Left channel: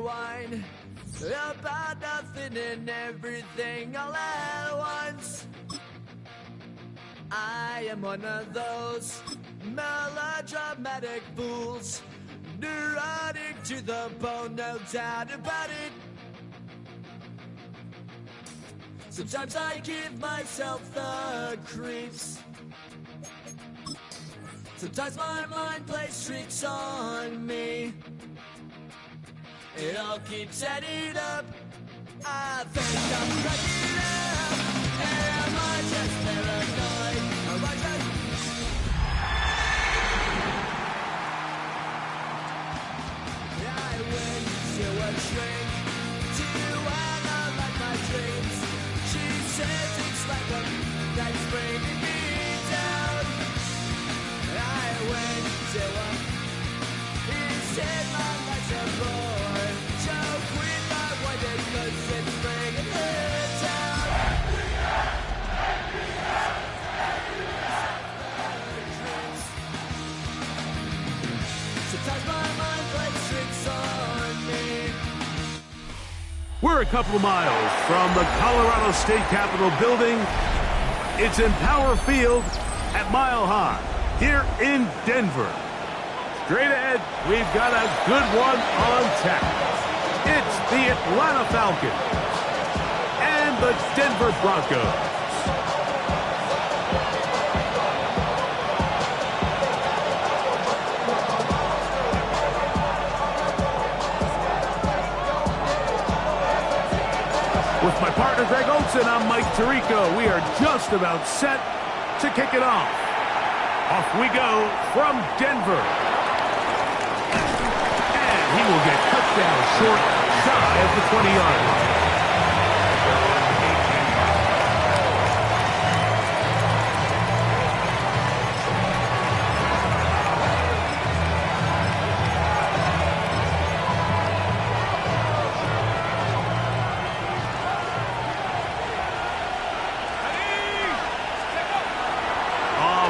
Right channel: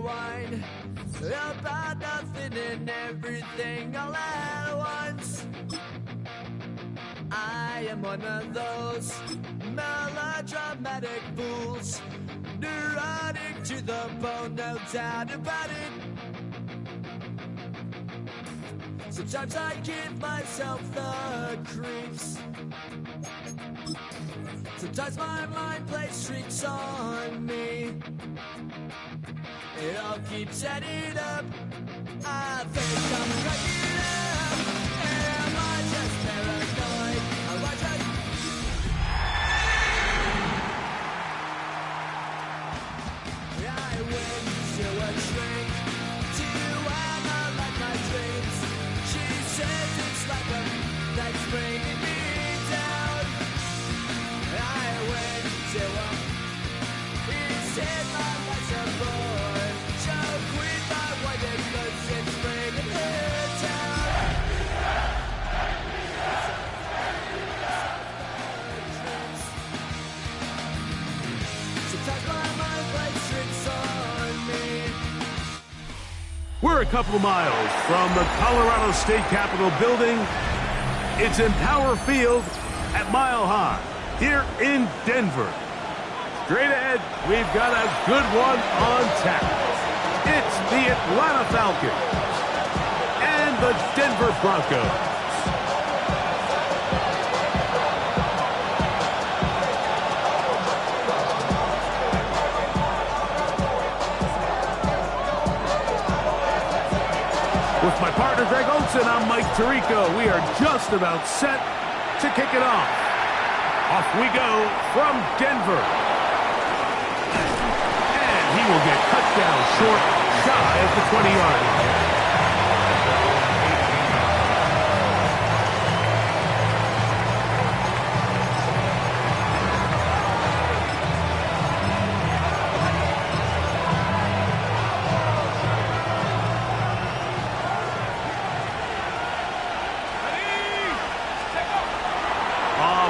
whine about nothing and everything all at once. I am one of those melodramatic fools, neurotic to the bone, no doubt about it. Sometimes I give myself the creeps. Sometimes my mind plays tricks on me. It all keeps adding up. I think I'm cracking up. Am I just paranoid? Am I just... I went to a shrink to analyze my dreams. She says it's like a that's bringing me down. I went to a... He said my life's a bore. So quit my wife because it's bringing her down. Sometimes my mind plays tricks on me. We're a couple of miles from the Colorado State Capitol building. It's in Power Field at Mile High here in Denver. Straight ahead, we've got a good one on tap. It's the Atlanta Falcons and the Denver Broncos. With my partner Greg Olson, I'm Mike Tirico. We are just about set to kick it off. Off we go from Denver. And he will get cut down short, shy of the 20-yard line.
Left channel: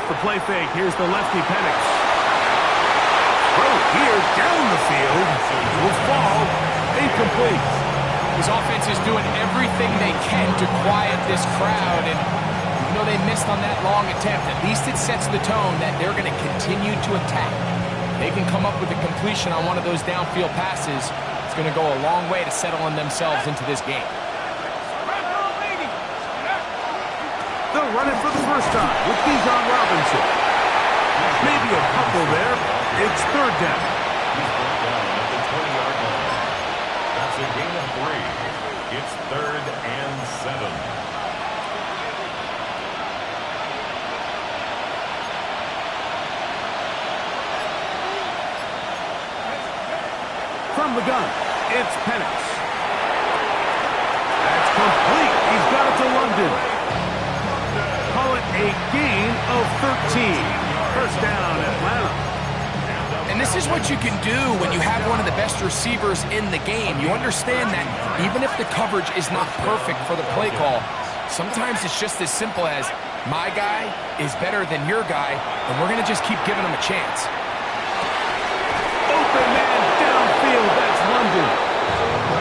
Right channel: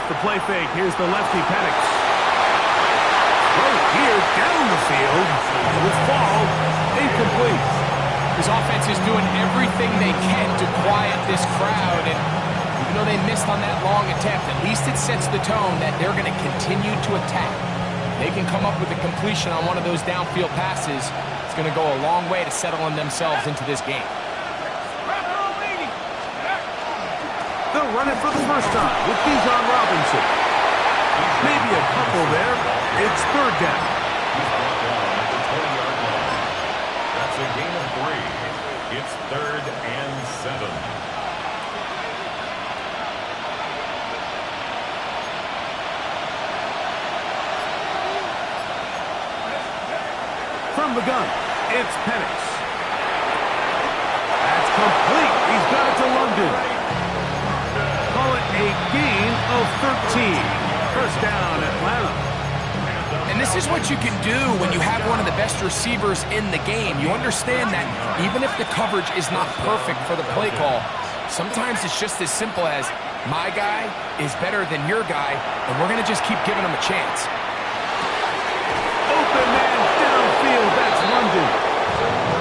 The play fake. Here's the lefty, Penix. Throw here down the field. Will fall. Incomplete. His offense is doing everything they can to quiet this crowd, and even though they missed on that long attempt, at least it sets the tone that they're going to continue to attack. They can come up with a completion on one of those downfield passes. It's going to go a long way to settling themselves into this game. They'll run it for the first time with Bijan Robinson. Maybe a couple there. It's third down. He's brought down at the 20-yard line. That's a gain of 3. It's 3rd and 7. From the gun, it's Penix. That's complete. He's got it to London. Call it a gain of 13. First down, Atlanta. And this is what you can do when you have one of the best receivers in the game. You understand that even if the coverage is not perfect for the play call, sometimes it's just as simple as my guy is better than your guy, and we're going to just keep giving him a chance. Open man downfield, that's London.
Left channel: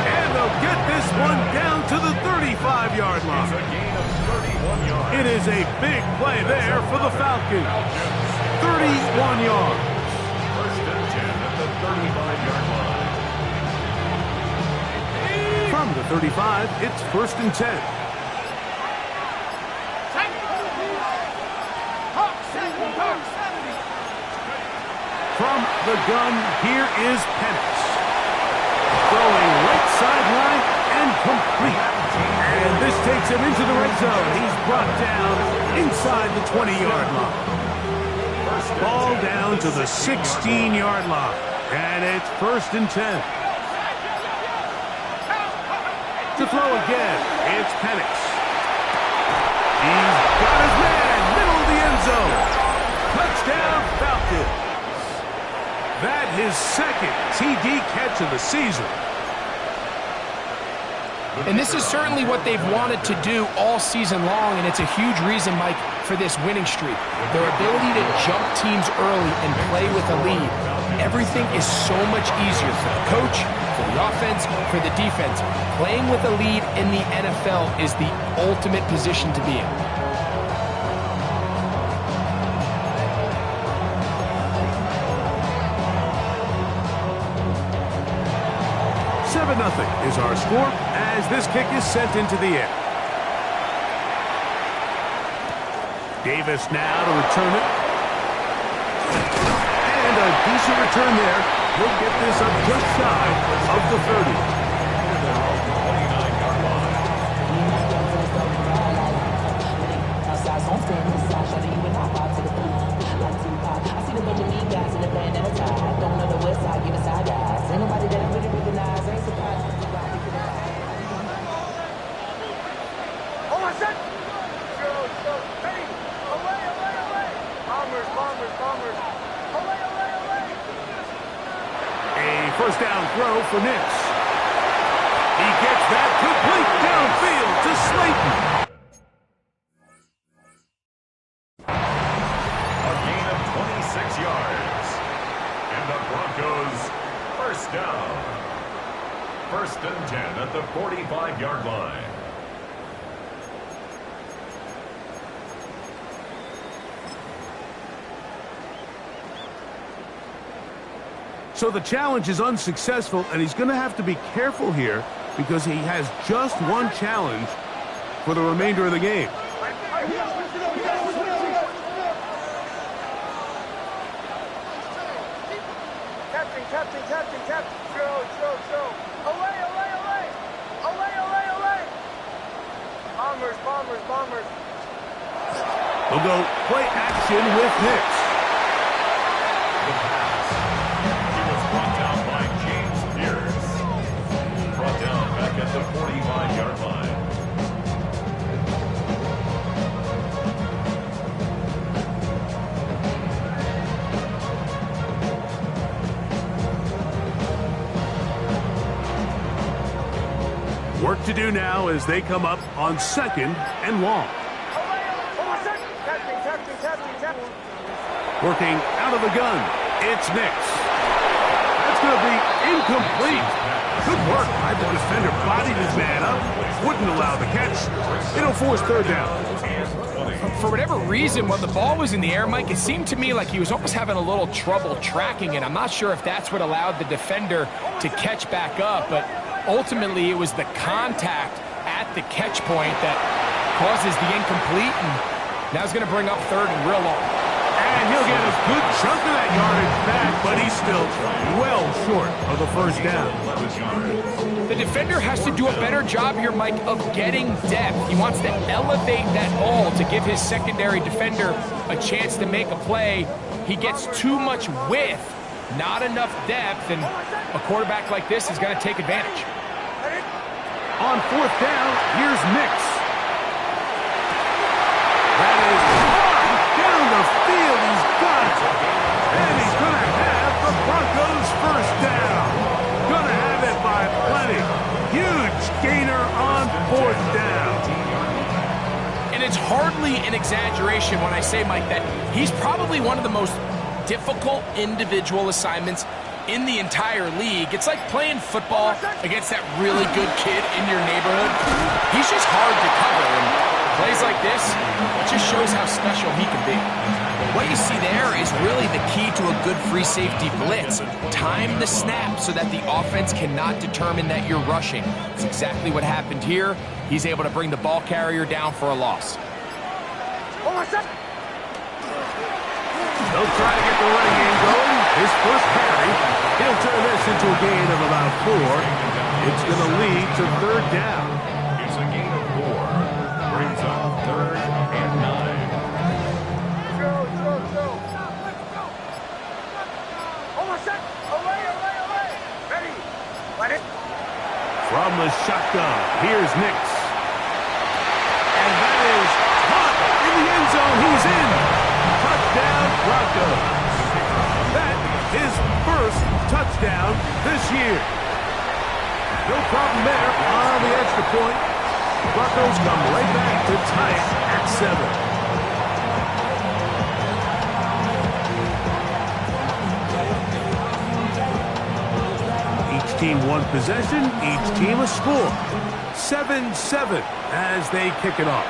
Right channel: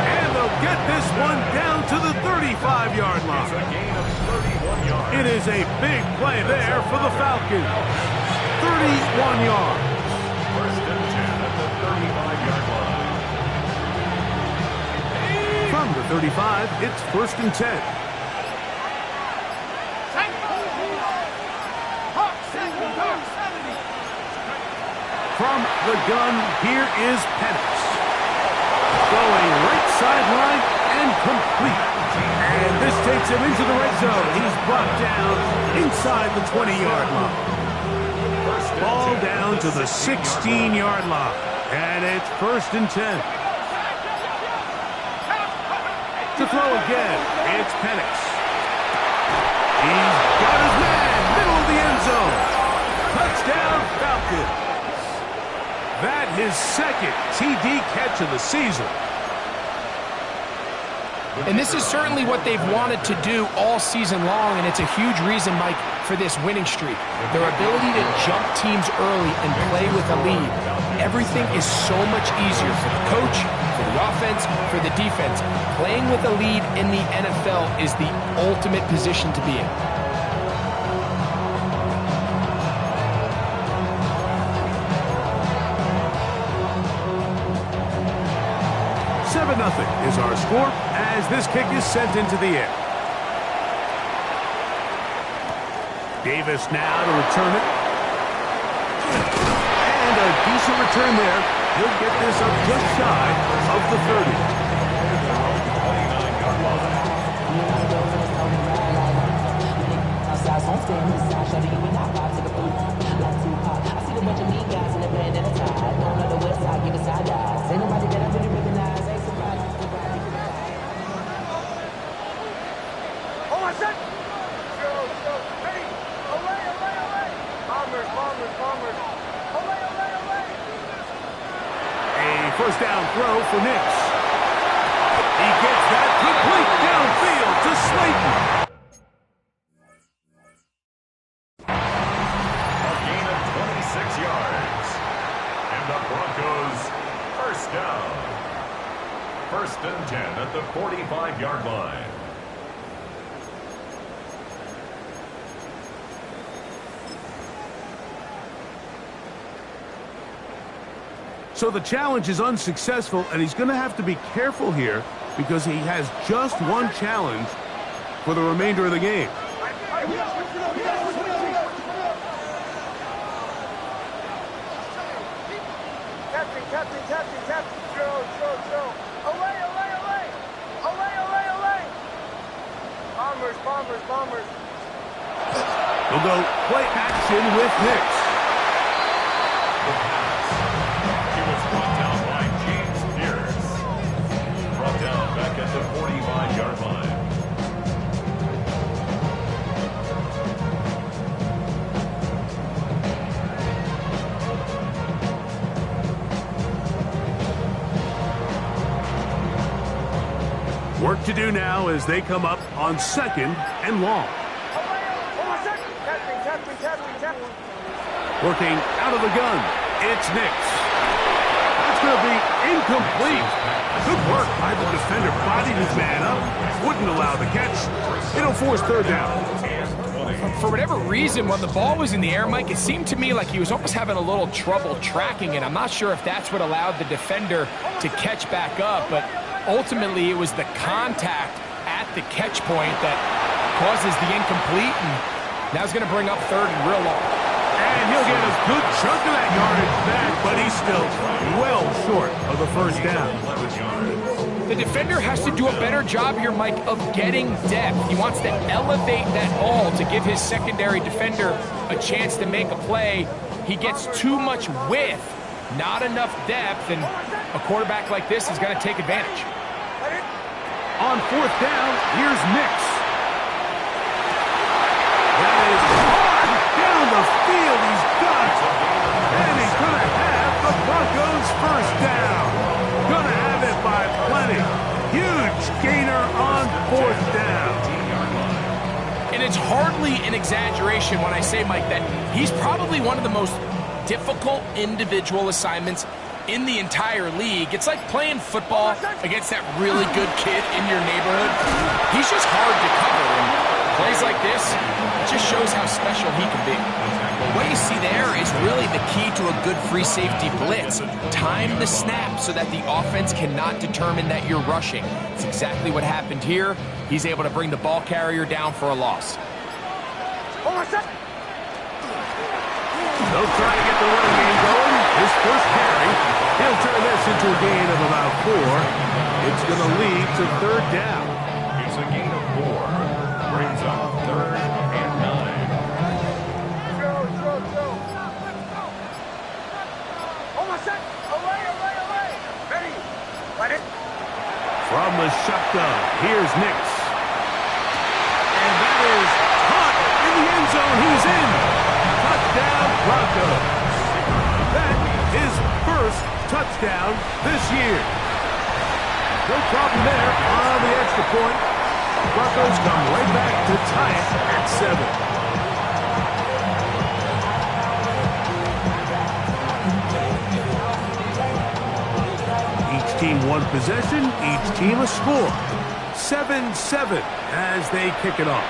And they'll get this one down to the 35-yard line. It's a gain of 31 yards. It is a big play there for the Falcons. 31 yards. First and 10 at the 35-yard line. From the 35, it's first and 10. From the gun, here is Penix. Throwing right sideline and complete. And this takes him into the red zone. He's brought down inside the 20-yard line. Ball down to the 16-yard line. And it's first and 10. To throw again, it's Penix. He's got his man, middle of the end zone. Touchdown, Falcons. That his second TD catch of the season. And this is certainly what they've wanted to do all season long, and it's a huge reason, Mike, for this winning streak. Their ability to jump teams early and play with a lead. Everything is so much easier for the coach, for the the offense for the defense. Playing with a lead in the NFL is the ultimate position to be in. 7-0 is our score as this kick is sent into the air. Davis now to return it. And a decent return there. He'll get this up just shy of the 30. 29-yard line. I see the bunch of mean guys in the band and a tie. Don't know the west side, give it side eyes. Ain't nobody that I really recognize. Ain't surprised. Oh, I said! Go. Hey! Away! Bombers! Away! A first down throw for Nix. He gets that complete downfield to Slayton. A gain of 26 yards. And the Broncos first down. 1st and 10 at the 45-yard line. So the challenge is unsuccessful, and he's going to have to be careful here because he has just one challenge for the remainder of the game. Captain. Joe. Away. Bombers. They'll go play action with Nix. The pass. He was brought down by James Pierce. Brought down back at the 45-yard line. Work to do now as they come up on 2nd and long. Captain. Working out of the gun, it's Nix. That's going to be incomplete. Good work by the defender. Bodied his man up. Wouldn't allow the catch. It'll force 3rd down. For whatever reason, when the ball was in the air, Mike, it seemed to me like he was almost having a little trouble tracking it. I'm not sure if that's what allowed the defender to catch back up, but ultimately it was the contact at the catch point that causes the incomplete, and now it's going to bring up 3rd and real long. And he'll get a good chunk of that yardage back, but he's still well short of the 1st down. The defender has to do a better job here, Mike, of getting depth. He wants to elevate that ball to give his secondary defender a chance to make a play. He gets too much width, not enough depth, and a quarterback like this is going to take advantage. On 4th down, here's Nix. That is hard down the field. He's got it. And he's going to have the Broncos 1st down. Going to have it by plenty. Huge gainer on 4th down. And it's hardly an exaggeration when I say, Mike, that he's probably one of the most difficult individual assignments in the entire league. It's like playing football against that really good kid in your neighborhood. He's just hard to cover, and plays like this, it just shows how special he can be. What you see there is really the key to a good free safety blitz. Time the snap so that the offense cannot determine that you're rushing. It's exactly what happened here. He's able to bring the ball carrier down for a loss. They'll try to get the running game going. His first carry. He'll turn this into a gain of about 4. It's going to lead to 3rd down. It's a gain of 4. Brings up 3rd and 9. Joe. Almost set. Away. Ready. Let it. From the shotgun, here's Nix. And that is caught in the end zone. He's in. Touchdown, Broncos. That is 1st touchdown this year. No problem there on the extra point. Broncos come right back to tie it at 7. Each team one possession, each team a score. 7-7 as they kick it off.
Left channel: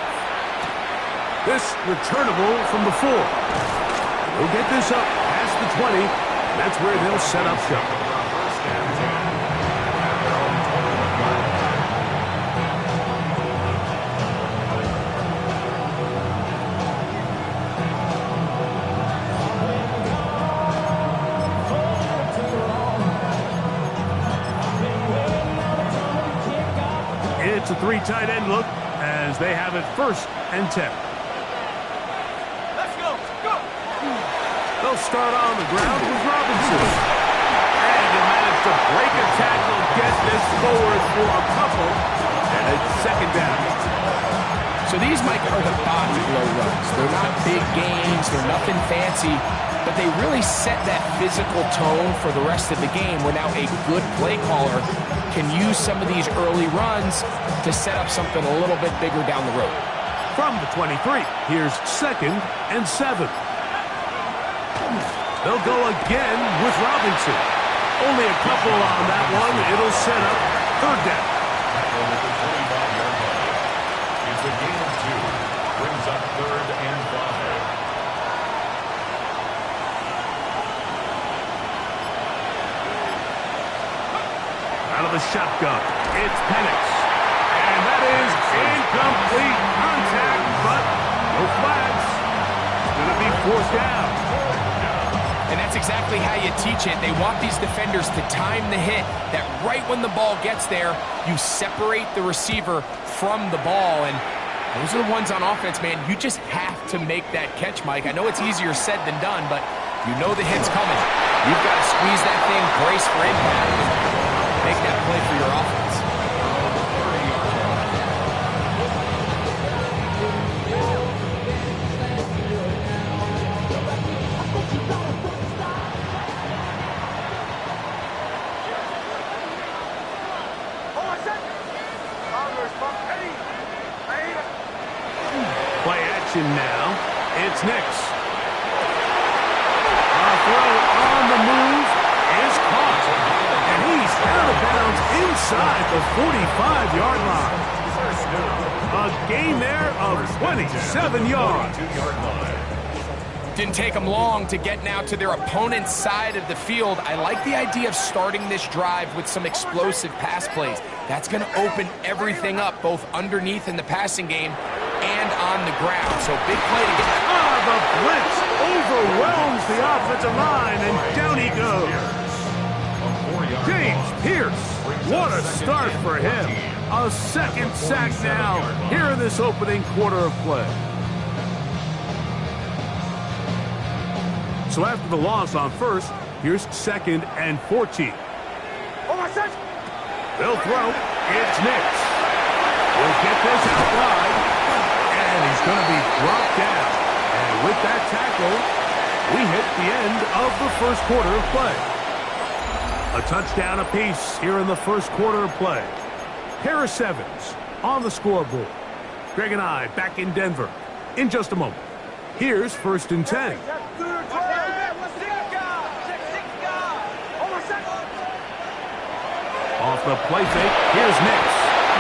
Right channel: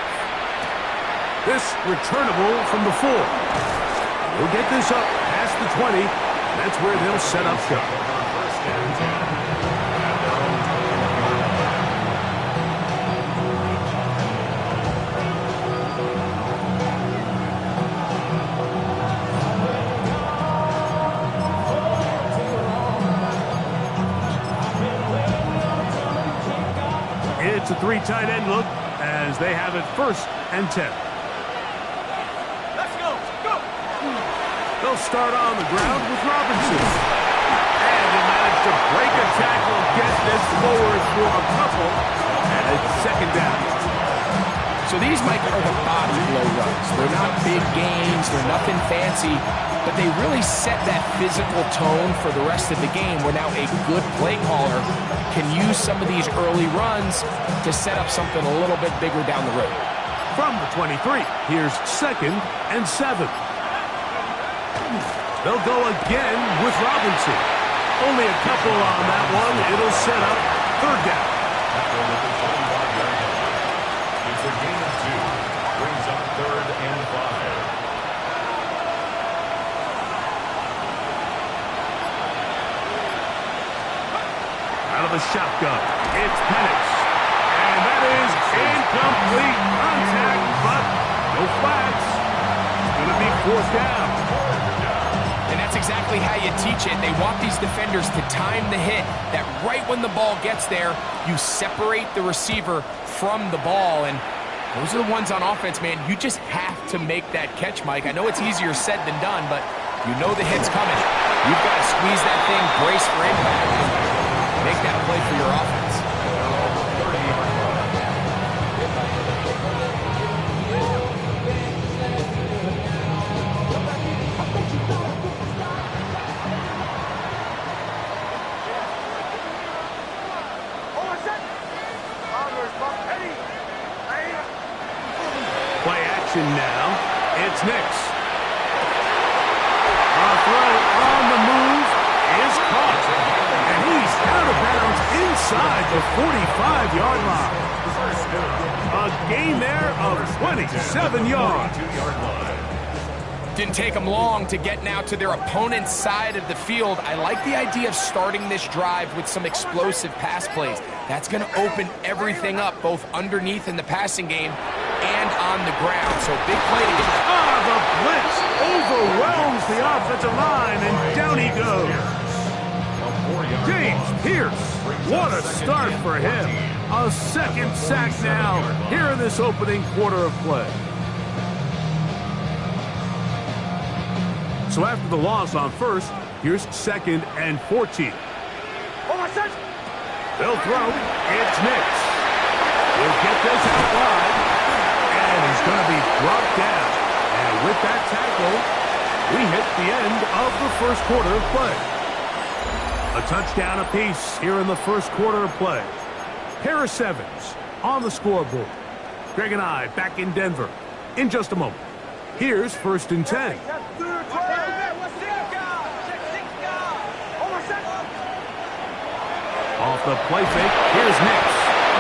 This returnable from the 4. They'll get this up past the 20. That's where they'll set up shop. First and 10 at their own 21-yard line. It's a 3 tight end look as they have it 1st and 10. Let's go. Go. They'll start on the ground with Robinson. And he managed to break a tackle, get this forward for a couple, and it's 2nd down. So these, Mike, are the body blow runs. They're not big gains, they're nothing fancy, but they really set that physical tone for the rest of the game where now a good play caller can use some of these early runs to set up something a little bit bigger down the road. From the 23, here's 2nd and 7. They'll go again with Robinson. Only a couple on that one. It'll set up 3rd down. Tackle at the 25-yard line. It's a gain of 2. Brings up 3rd and 5. Out of the shotgun, it's Penix. And that is incomplete contact, but no flags. It's going to be 4th down. And that's exactly how you teach it. They want these defenders to time the hit, that right when the ball gets there, you separate the receiver from the ball. And those are the ones on offense, man. You just have to make that catch, Mike. I know it's easier said than done, but you know the hit's coming. You've got to squeeze that thing, brace for impact, and make that play for your offense. 30-yard line. Play action now. It's Nix. A throw on the move is caught. And he's out of bounds inside the 45-yard line. A gain there of 27 yards. 42-yard line. Didn't take them long to get now to their opponent's side of the field. I like the idea of starting this drive with some explosive pass plays. That's going to open everything up, both underneath in the passing game and on the ground. So big play to get. The blitz overwhelms the offensive line, and down he goes. James Pierce, what a start for him. A 2nd sack now here in this opening quarter of play. So after the loss on 1st, here's 2nd and 14. They'll throw. It's Nix. He'll get this out wide, and he's going to be brought down. And with that tackle, we hit the end of the 1st quarter of play. A touchdown apiece here in the 1st quarter of play. Pair of 7s on the scoreboard. Greg and I back in Denver in just a moment. Here's 1st and 10. Off the play fake, here's Nix.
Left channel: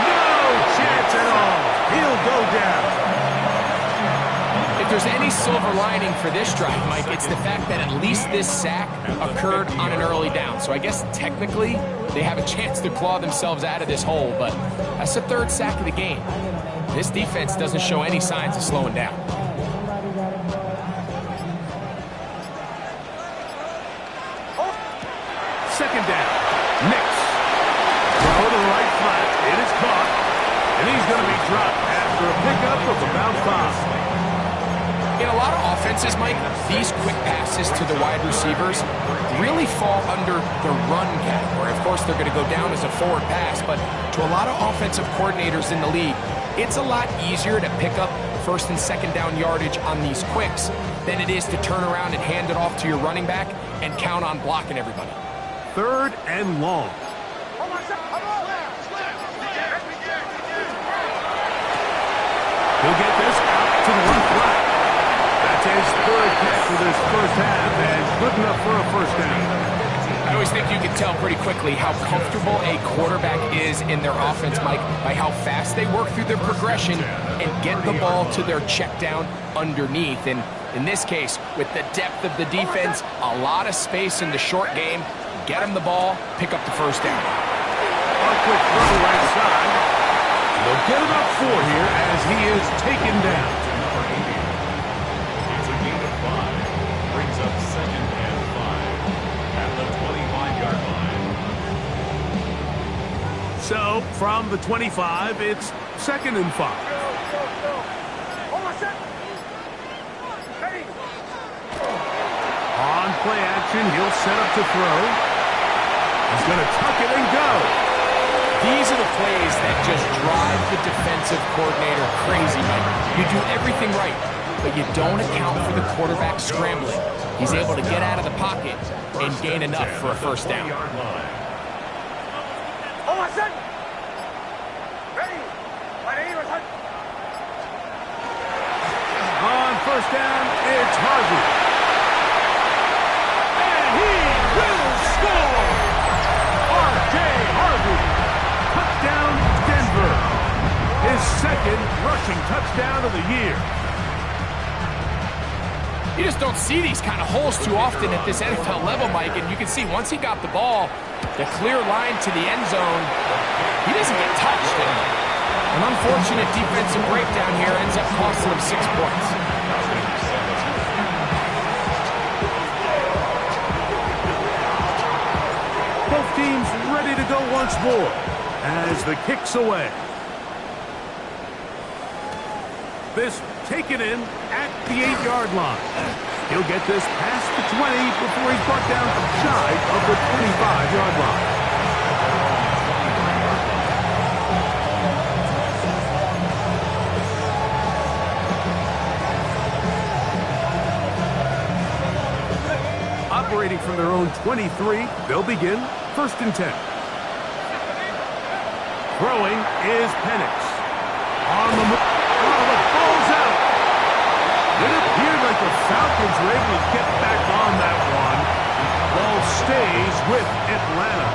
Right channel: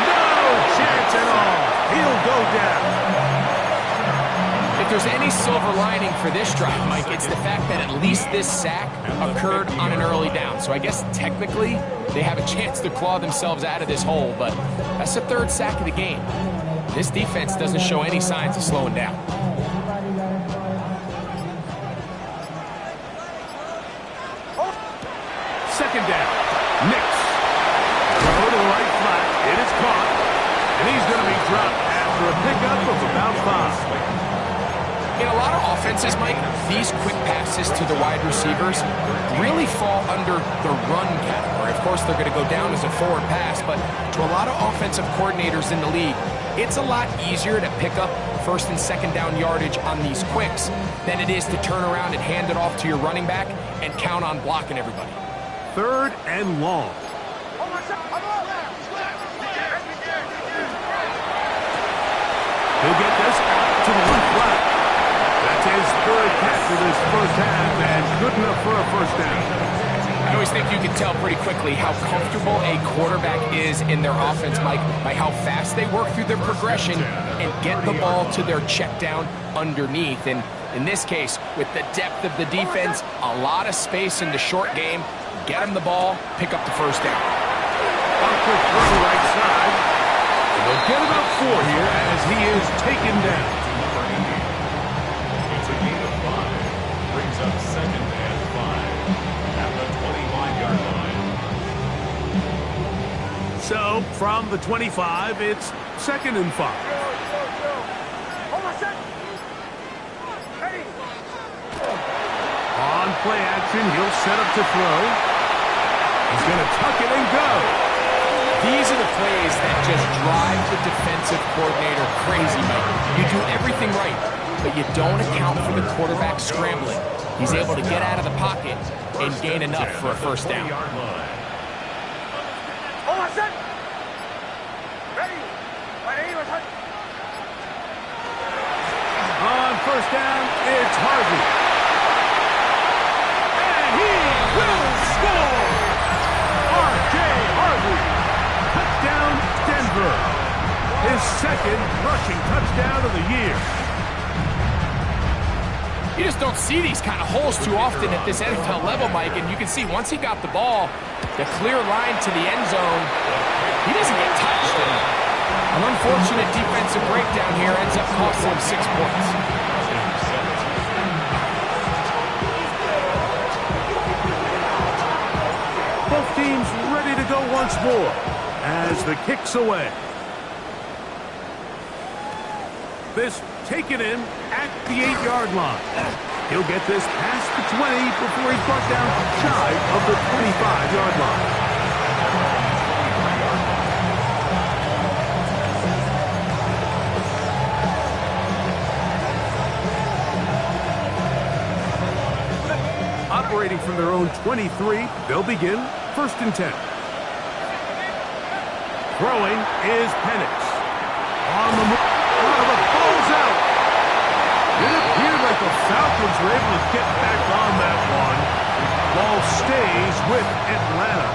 No chance at all. He'll go down. If there's any silver lining for this drive, Mike, it's the fact that at least this sack occurred on an early down. So I guess technically they have a chance to claw themselves out of this hole, but that's the 3rd sack of the game. This defense doesn't show any signs of slowing down. Second down, Nix. Throw to the right flat. It is caught. And he's going to be dropped after a pickup of about 5. In a lot of offenses, Mike, these quick passes to the wide receivers really fall under the run category. Of course, they're going to go down as a forward pass, but to a lot of offensive coordinators in the league, it's a lot easier to pick up 1st and 2nd down yardage on these quicks than it is to turn around and hand it off to your running back and count on blocking everybody. 3rd and long. He'll get this out to the left flat. That's his 3rd catch of this 1st half, and good enough for a 1st down. I always think you can tell pretty quickly how comfortable a quarterback is in their offense, Mike, by how fast they work through their progression and get the ball to their check down underneath. And in this case, with the depth of the defense, a lot of space in the short game, get them the ball, pick up the first down. A quick throw right side. And they'll get about 4 here as he is taken down. Number 80. It's a gain of 5. Brings up 2nd and 5 at the 25-yard line. So, from the 25, it's 2nd and 5. Hold on, set. Ready. On play action, he'll set up to throw. He's going to tuck it and go. These are the plays that just drive the defensive coordinator crazy, Mike. You do everything right, but you don't account for the quarterback scrambling. He's able to get out of the pocket and gain enough for a first down. Hold on, set. Ready. Ready. On first down, it's Harvey. And he will score! R.J. Harvey. Touchdown, Denver. His 2nd rushing touchdown of the year. You just don't see these kind of holes too often at this NFL level, Mike, and you can see once he got the ball, the clear line to the end zone, he doesn't get touched. An unfortunate defensive breakdown here ends up costing him 6 points. Both teams ready to go once more as the kick's away. This taken in at the 8-yard line. He'll get this past the 20 before he's brought down shy of the 25-yard line. Operating from their own 23, they'll begin 1st and 10. Throwing is Penix. On the move. Oh, the ball's out. It appeared like the Falcons were able to get back on that one. Ball stays with Atlanta.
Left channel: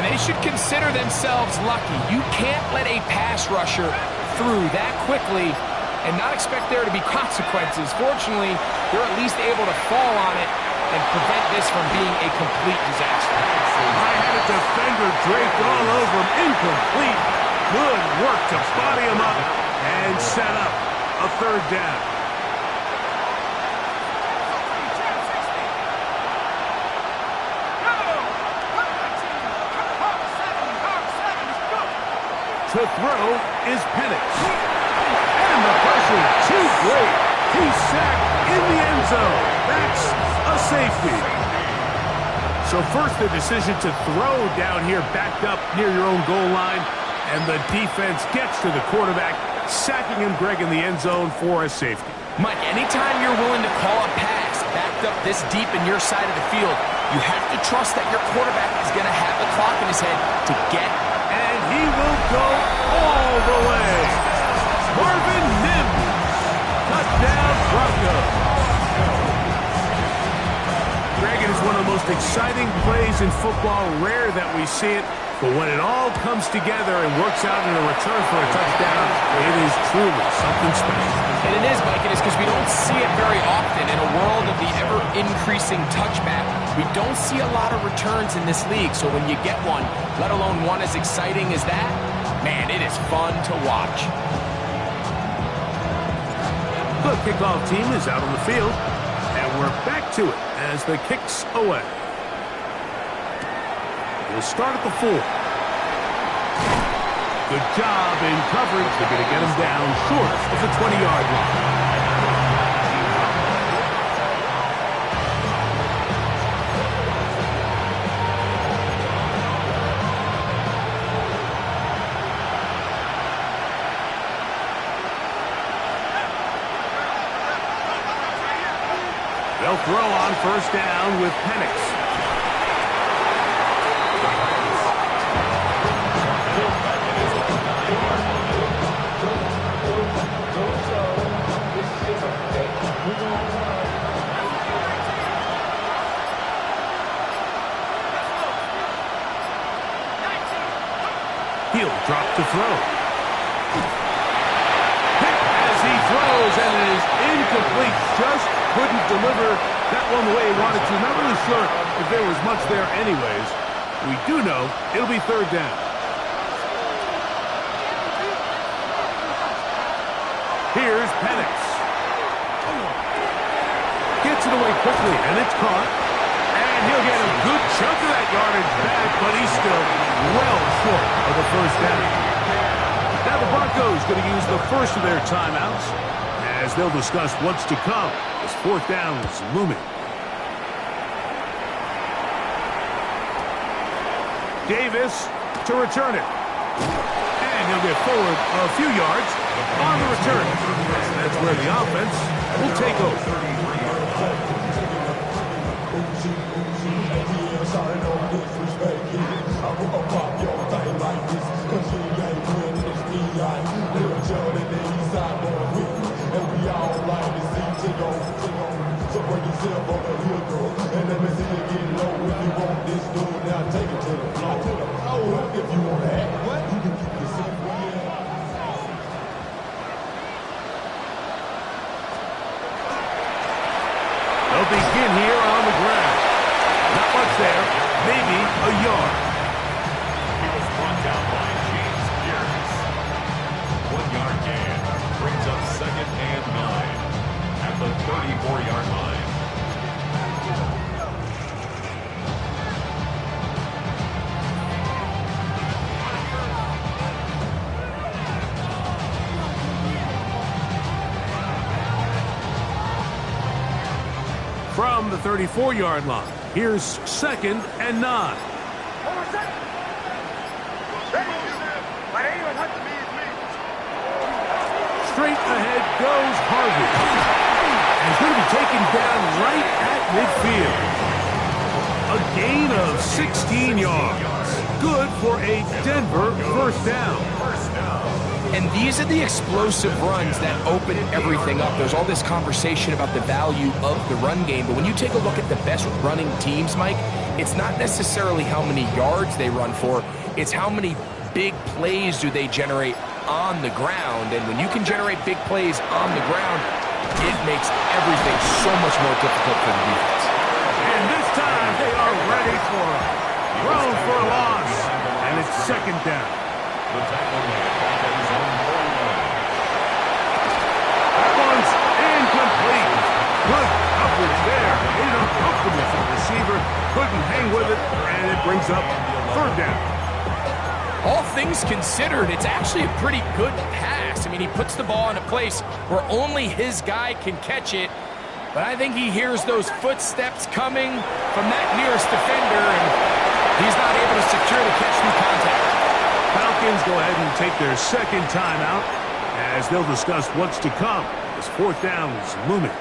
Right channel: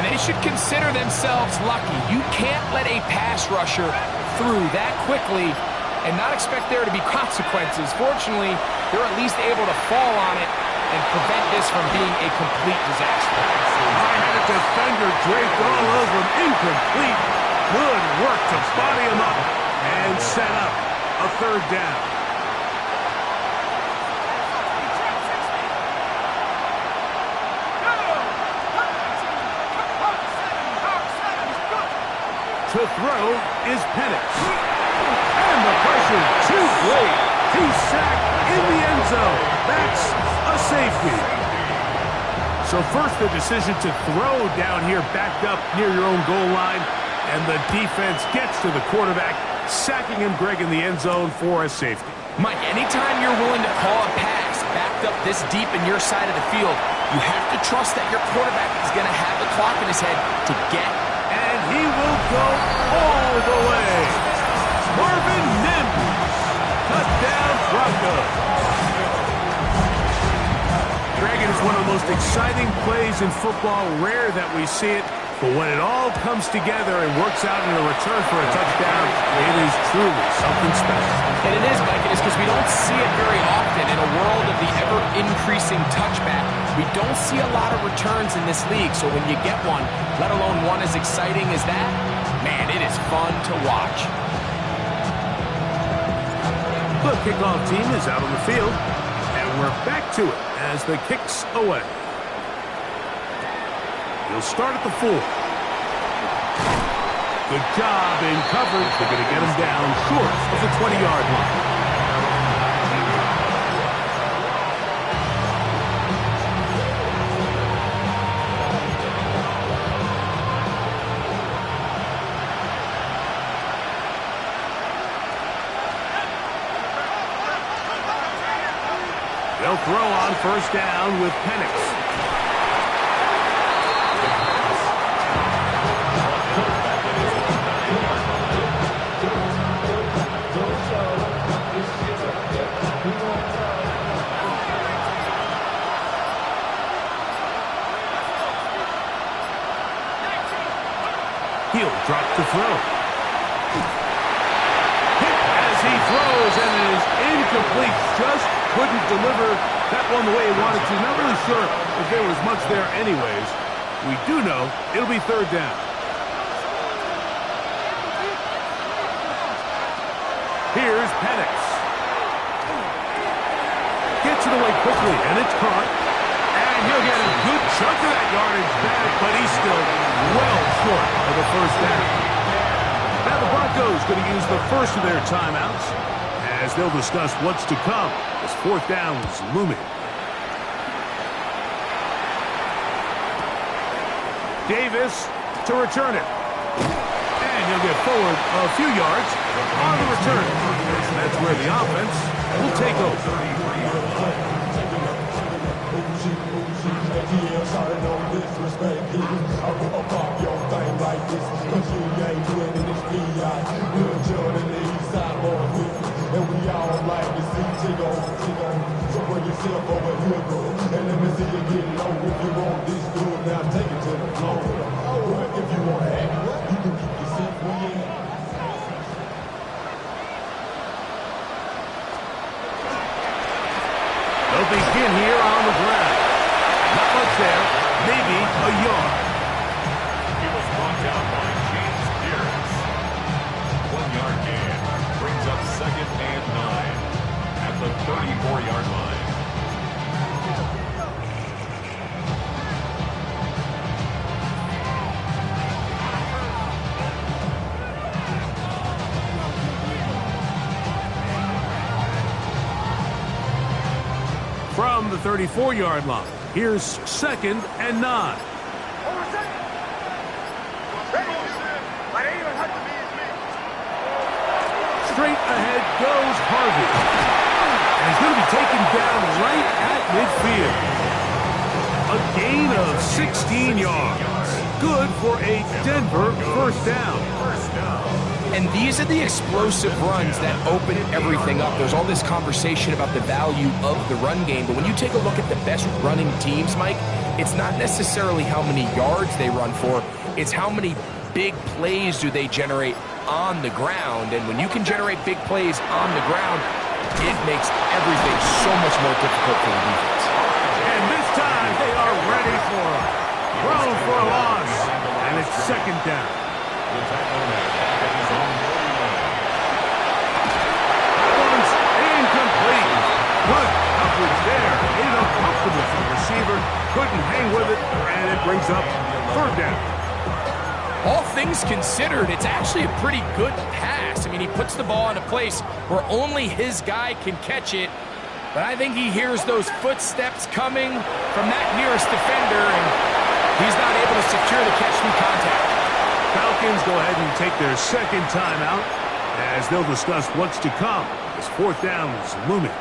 And they should consider themselves lucky. You can't let a pass rusher through that quickly and not expect there to be consequences. Fortunately, they're at least able to fall on it and prevent this from being a complete disaster. I had a defender draped all over him. Incomplete. Good work to body him up and set up a 3rd down. To throw is Penix. And the pressure too great. He's sacked in the end zone. That's a safety. So first the decision to throw down here backed up near your own goal line. And the defense gets to the quarterback, sacking him, Greg, in the end zone for a safety. Mike, anytime you're willing to call a pass backed up this deep in your side of the field, you have to trust that your quarterback is going to have the clock in his head to get. And he will go all the way. Marvin Mims. Touchdown, Broncos. Greg, it is one of the most exciting plays in football. Rare that we see it. But when it all comes together and works out in a return for a touchdown, it is truly something special. And it is, Mike. It is because we don't see it very often. In a world of the ever-increasing touchback, we don't see a lot of returns in this league. So when you get one, let alone one as exciting as that, man, it is fun to watch. The kickoff team is out on the field, and we're back to it as the kick's away. He'll start at the 4. Good job in coverage. They're going to get him down short of the 20-yard line. They'll throw on first down with Penix. He'll drop to throw. Hit as he throws, and it is incomplete. Just couldn't deliver that one the way he wanted to. Not really sure if there was much there anyways. We do know it'll be third down. Here's Penix. Gets it away quickly, and it's caught. And he'll get a good chunk of that yardage back, but he's still well short of the first down. Now the Broncos going to use the first of their timeouts as they'll discuss what's to come as fourth down is looming. Davis to return it. And he'll get forward a few yards on the return. And that's where the offense will take over. ATL shot no disrespect. I pop your thing like this, cause you ain't winning this PI. Real Jordan and the East Side boys with me, and we all like to see Tigo. So bring yourself over here, girl, and let me see you get low. If you want this dude, now take it to the floor. But if you want to act, you can keep yourself where you at. They'll begin here on the ground. Not much there, maybe a yard. He was brought down by James Pierce. 1 yard gain brings up 2nd and 9 at the 34-yard line. From the 34-yard line, here's 2nd and 9. Straight ahead goes Harvey. And he's going to be taken down right at midfield. A gain of 16 yards. Good for a Denver first down. And these are the explosive runs that open everything up. There's all this conversation about the value of the run game, but when you take a look at the best running teams, Mike, it's not necessarily how many yards they run for, it's how many big plays do they generate on the ground. And when you can generate big plays on the ground, it makes everything so much more difficult for the defense. And this time they are ready for him. Thrown for a loss, and it's 2nd down. The tackle man back at his own 49. That one's incomplete. Good coverage there. Made it uncomfortable for the receiver. Couldn't hang with it, and it brings up 3rd down. All things considered, it's actually a pretty good pass. I mean, he puts the ball in a place where only his guy can catch it. But I think he hears those footsteps coming from that nearest defender, and he's not able to secure the catch through contact. Falcons go ahead and take their 2nd timeout as they'll discuss what's to come as fourth down is looming.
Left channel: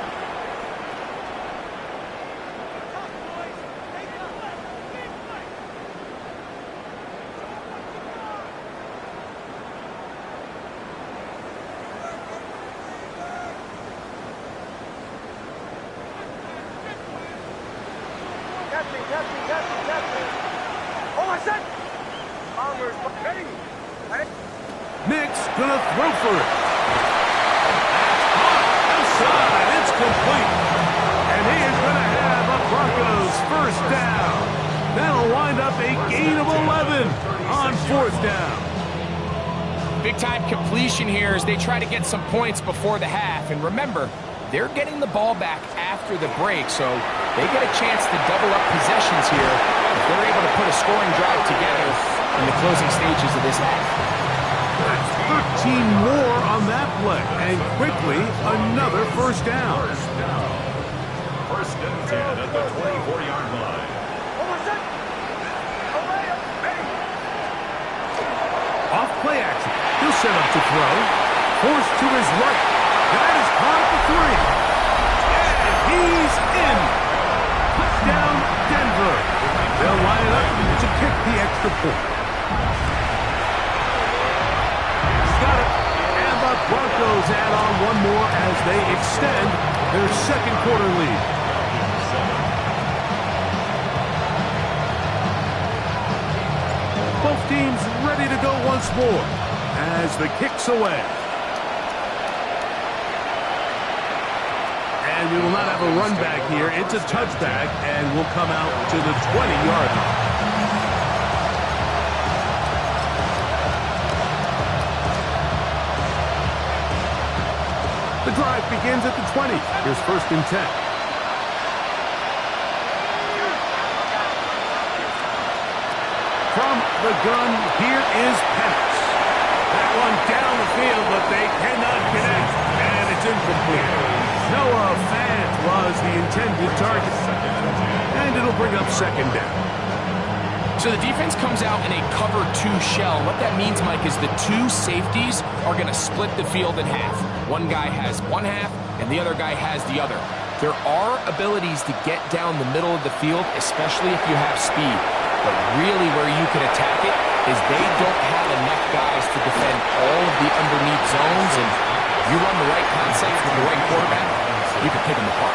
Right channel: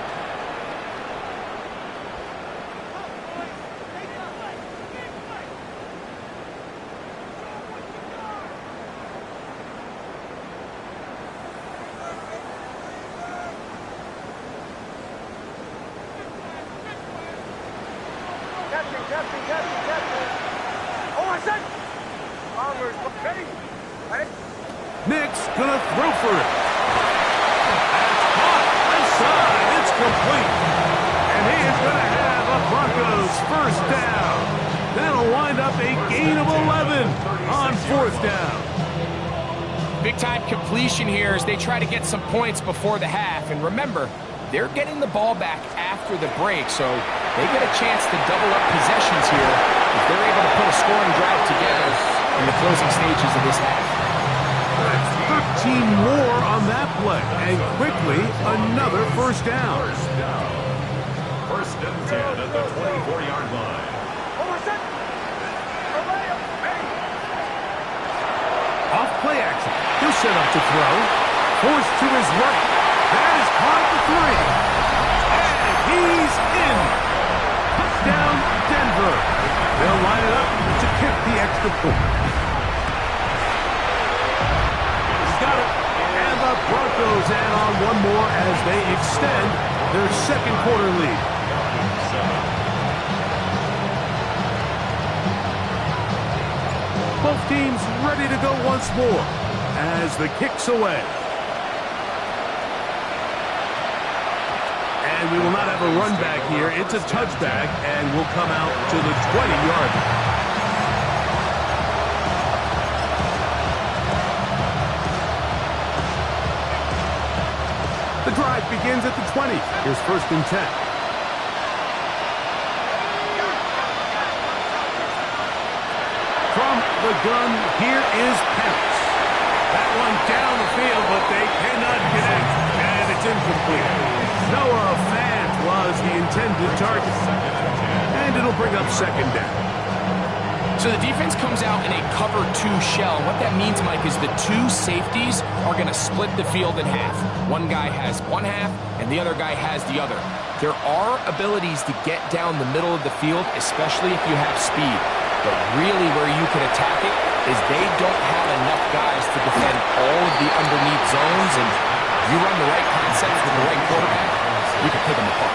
Captain. Oh, I said! Armor's ready. Nick's gonna throw for it. That's caught inside. It's complete. And he is gonna have a Broncos first down. That'll wind up a gain of 11 on 4th down. Big-time completion here as they try to get some points before the half. And remember, they're getting the ball back after the break, so they get a chance to double up possessions here if they're able to put a scoring drive together in the closing stages of this half. That's 13 more on that play, and quickly another first down. 1st and 10 at the 24-yard line. Off play action. He'll set up to throw. Forced to his right. That is caught at the 3. And he's in. Touchdown, Denver. They'll line it up to kick the extra point. He's got it. And the Broncos add on one more as they extend their 2nd quarter lead. Both teams ready to go once more as the kick's away. And we will not have a run back here. It's a touchback, and we'll come out to the 20-yard line. The drive begins at the 20. Here's 1st and 10. From the gun, here is Penix. That one down the field, but they cannot connect, and it's incomplete. Noah Fant was the intended target, and it'll bring up 2nd down. So the defense comes out in a cover 2 shell. What that means, Mike, is the 2 safeties are going to split the field in half. One guy has one half, and the other guy has the other. There are abilities to get down the middle of the field, especially if you have speed. But really where you can attack it is they don't have enough guys to defend all of the underneath zones, and you run the right concepts with the right quarterback, you can pick them apart.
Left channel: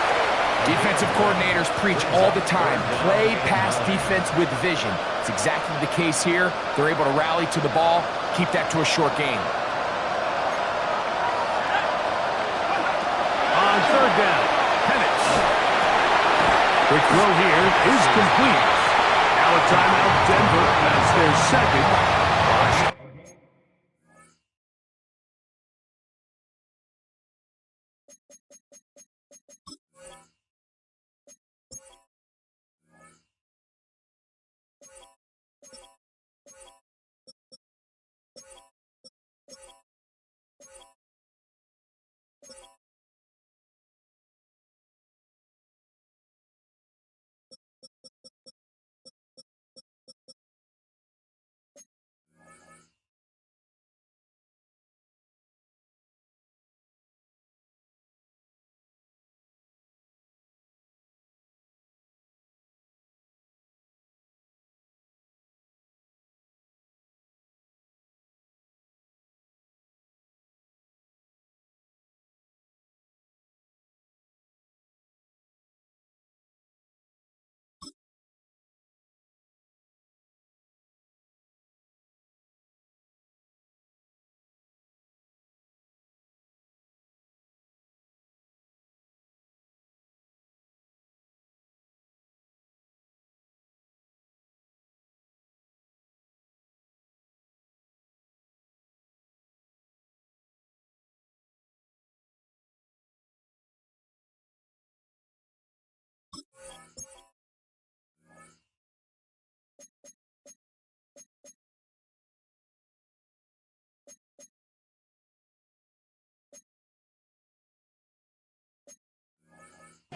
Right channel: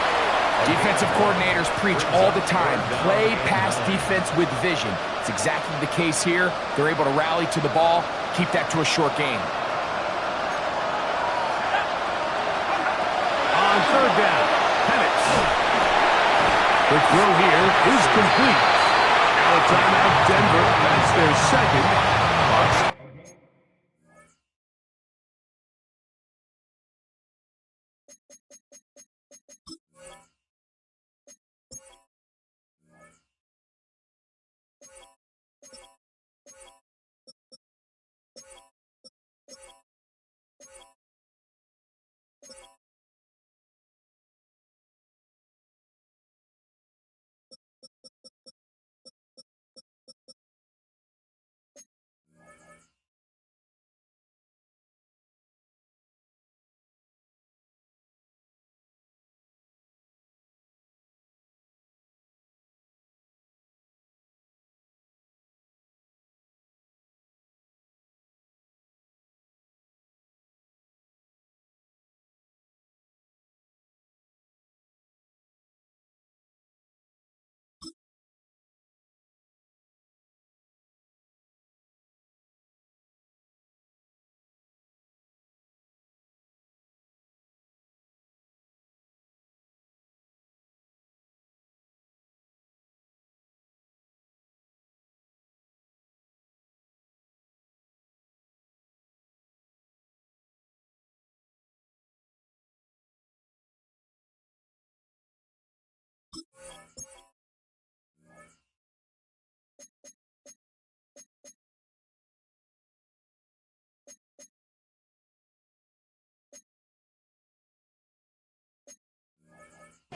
Defensive coordinators preach all the time, play pass defense with vision. It's exactly the case here. They're able to rally to the ball, keep that to a short gain. On 3rd down, Penix. Quick throw here is complete. Now a timeout, Denver. That's their 2nd. Watch.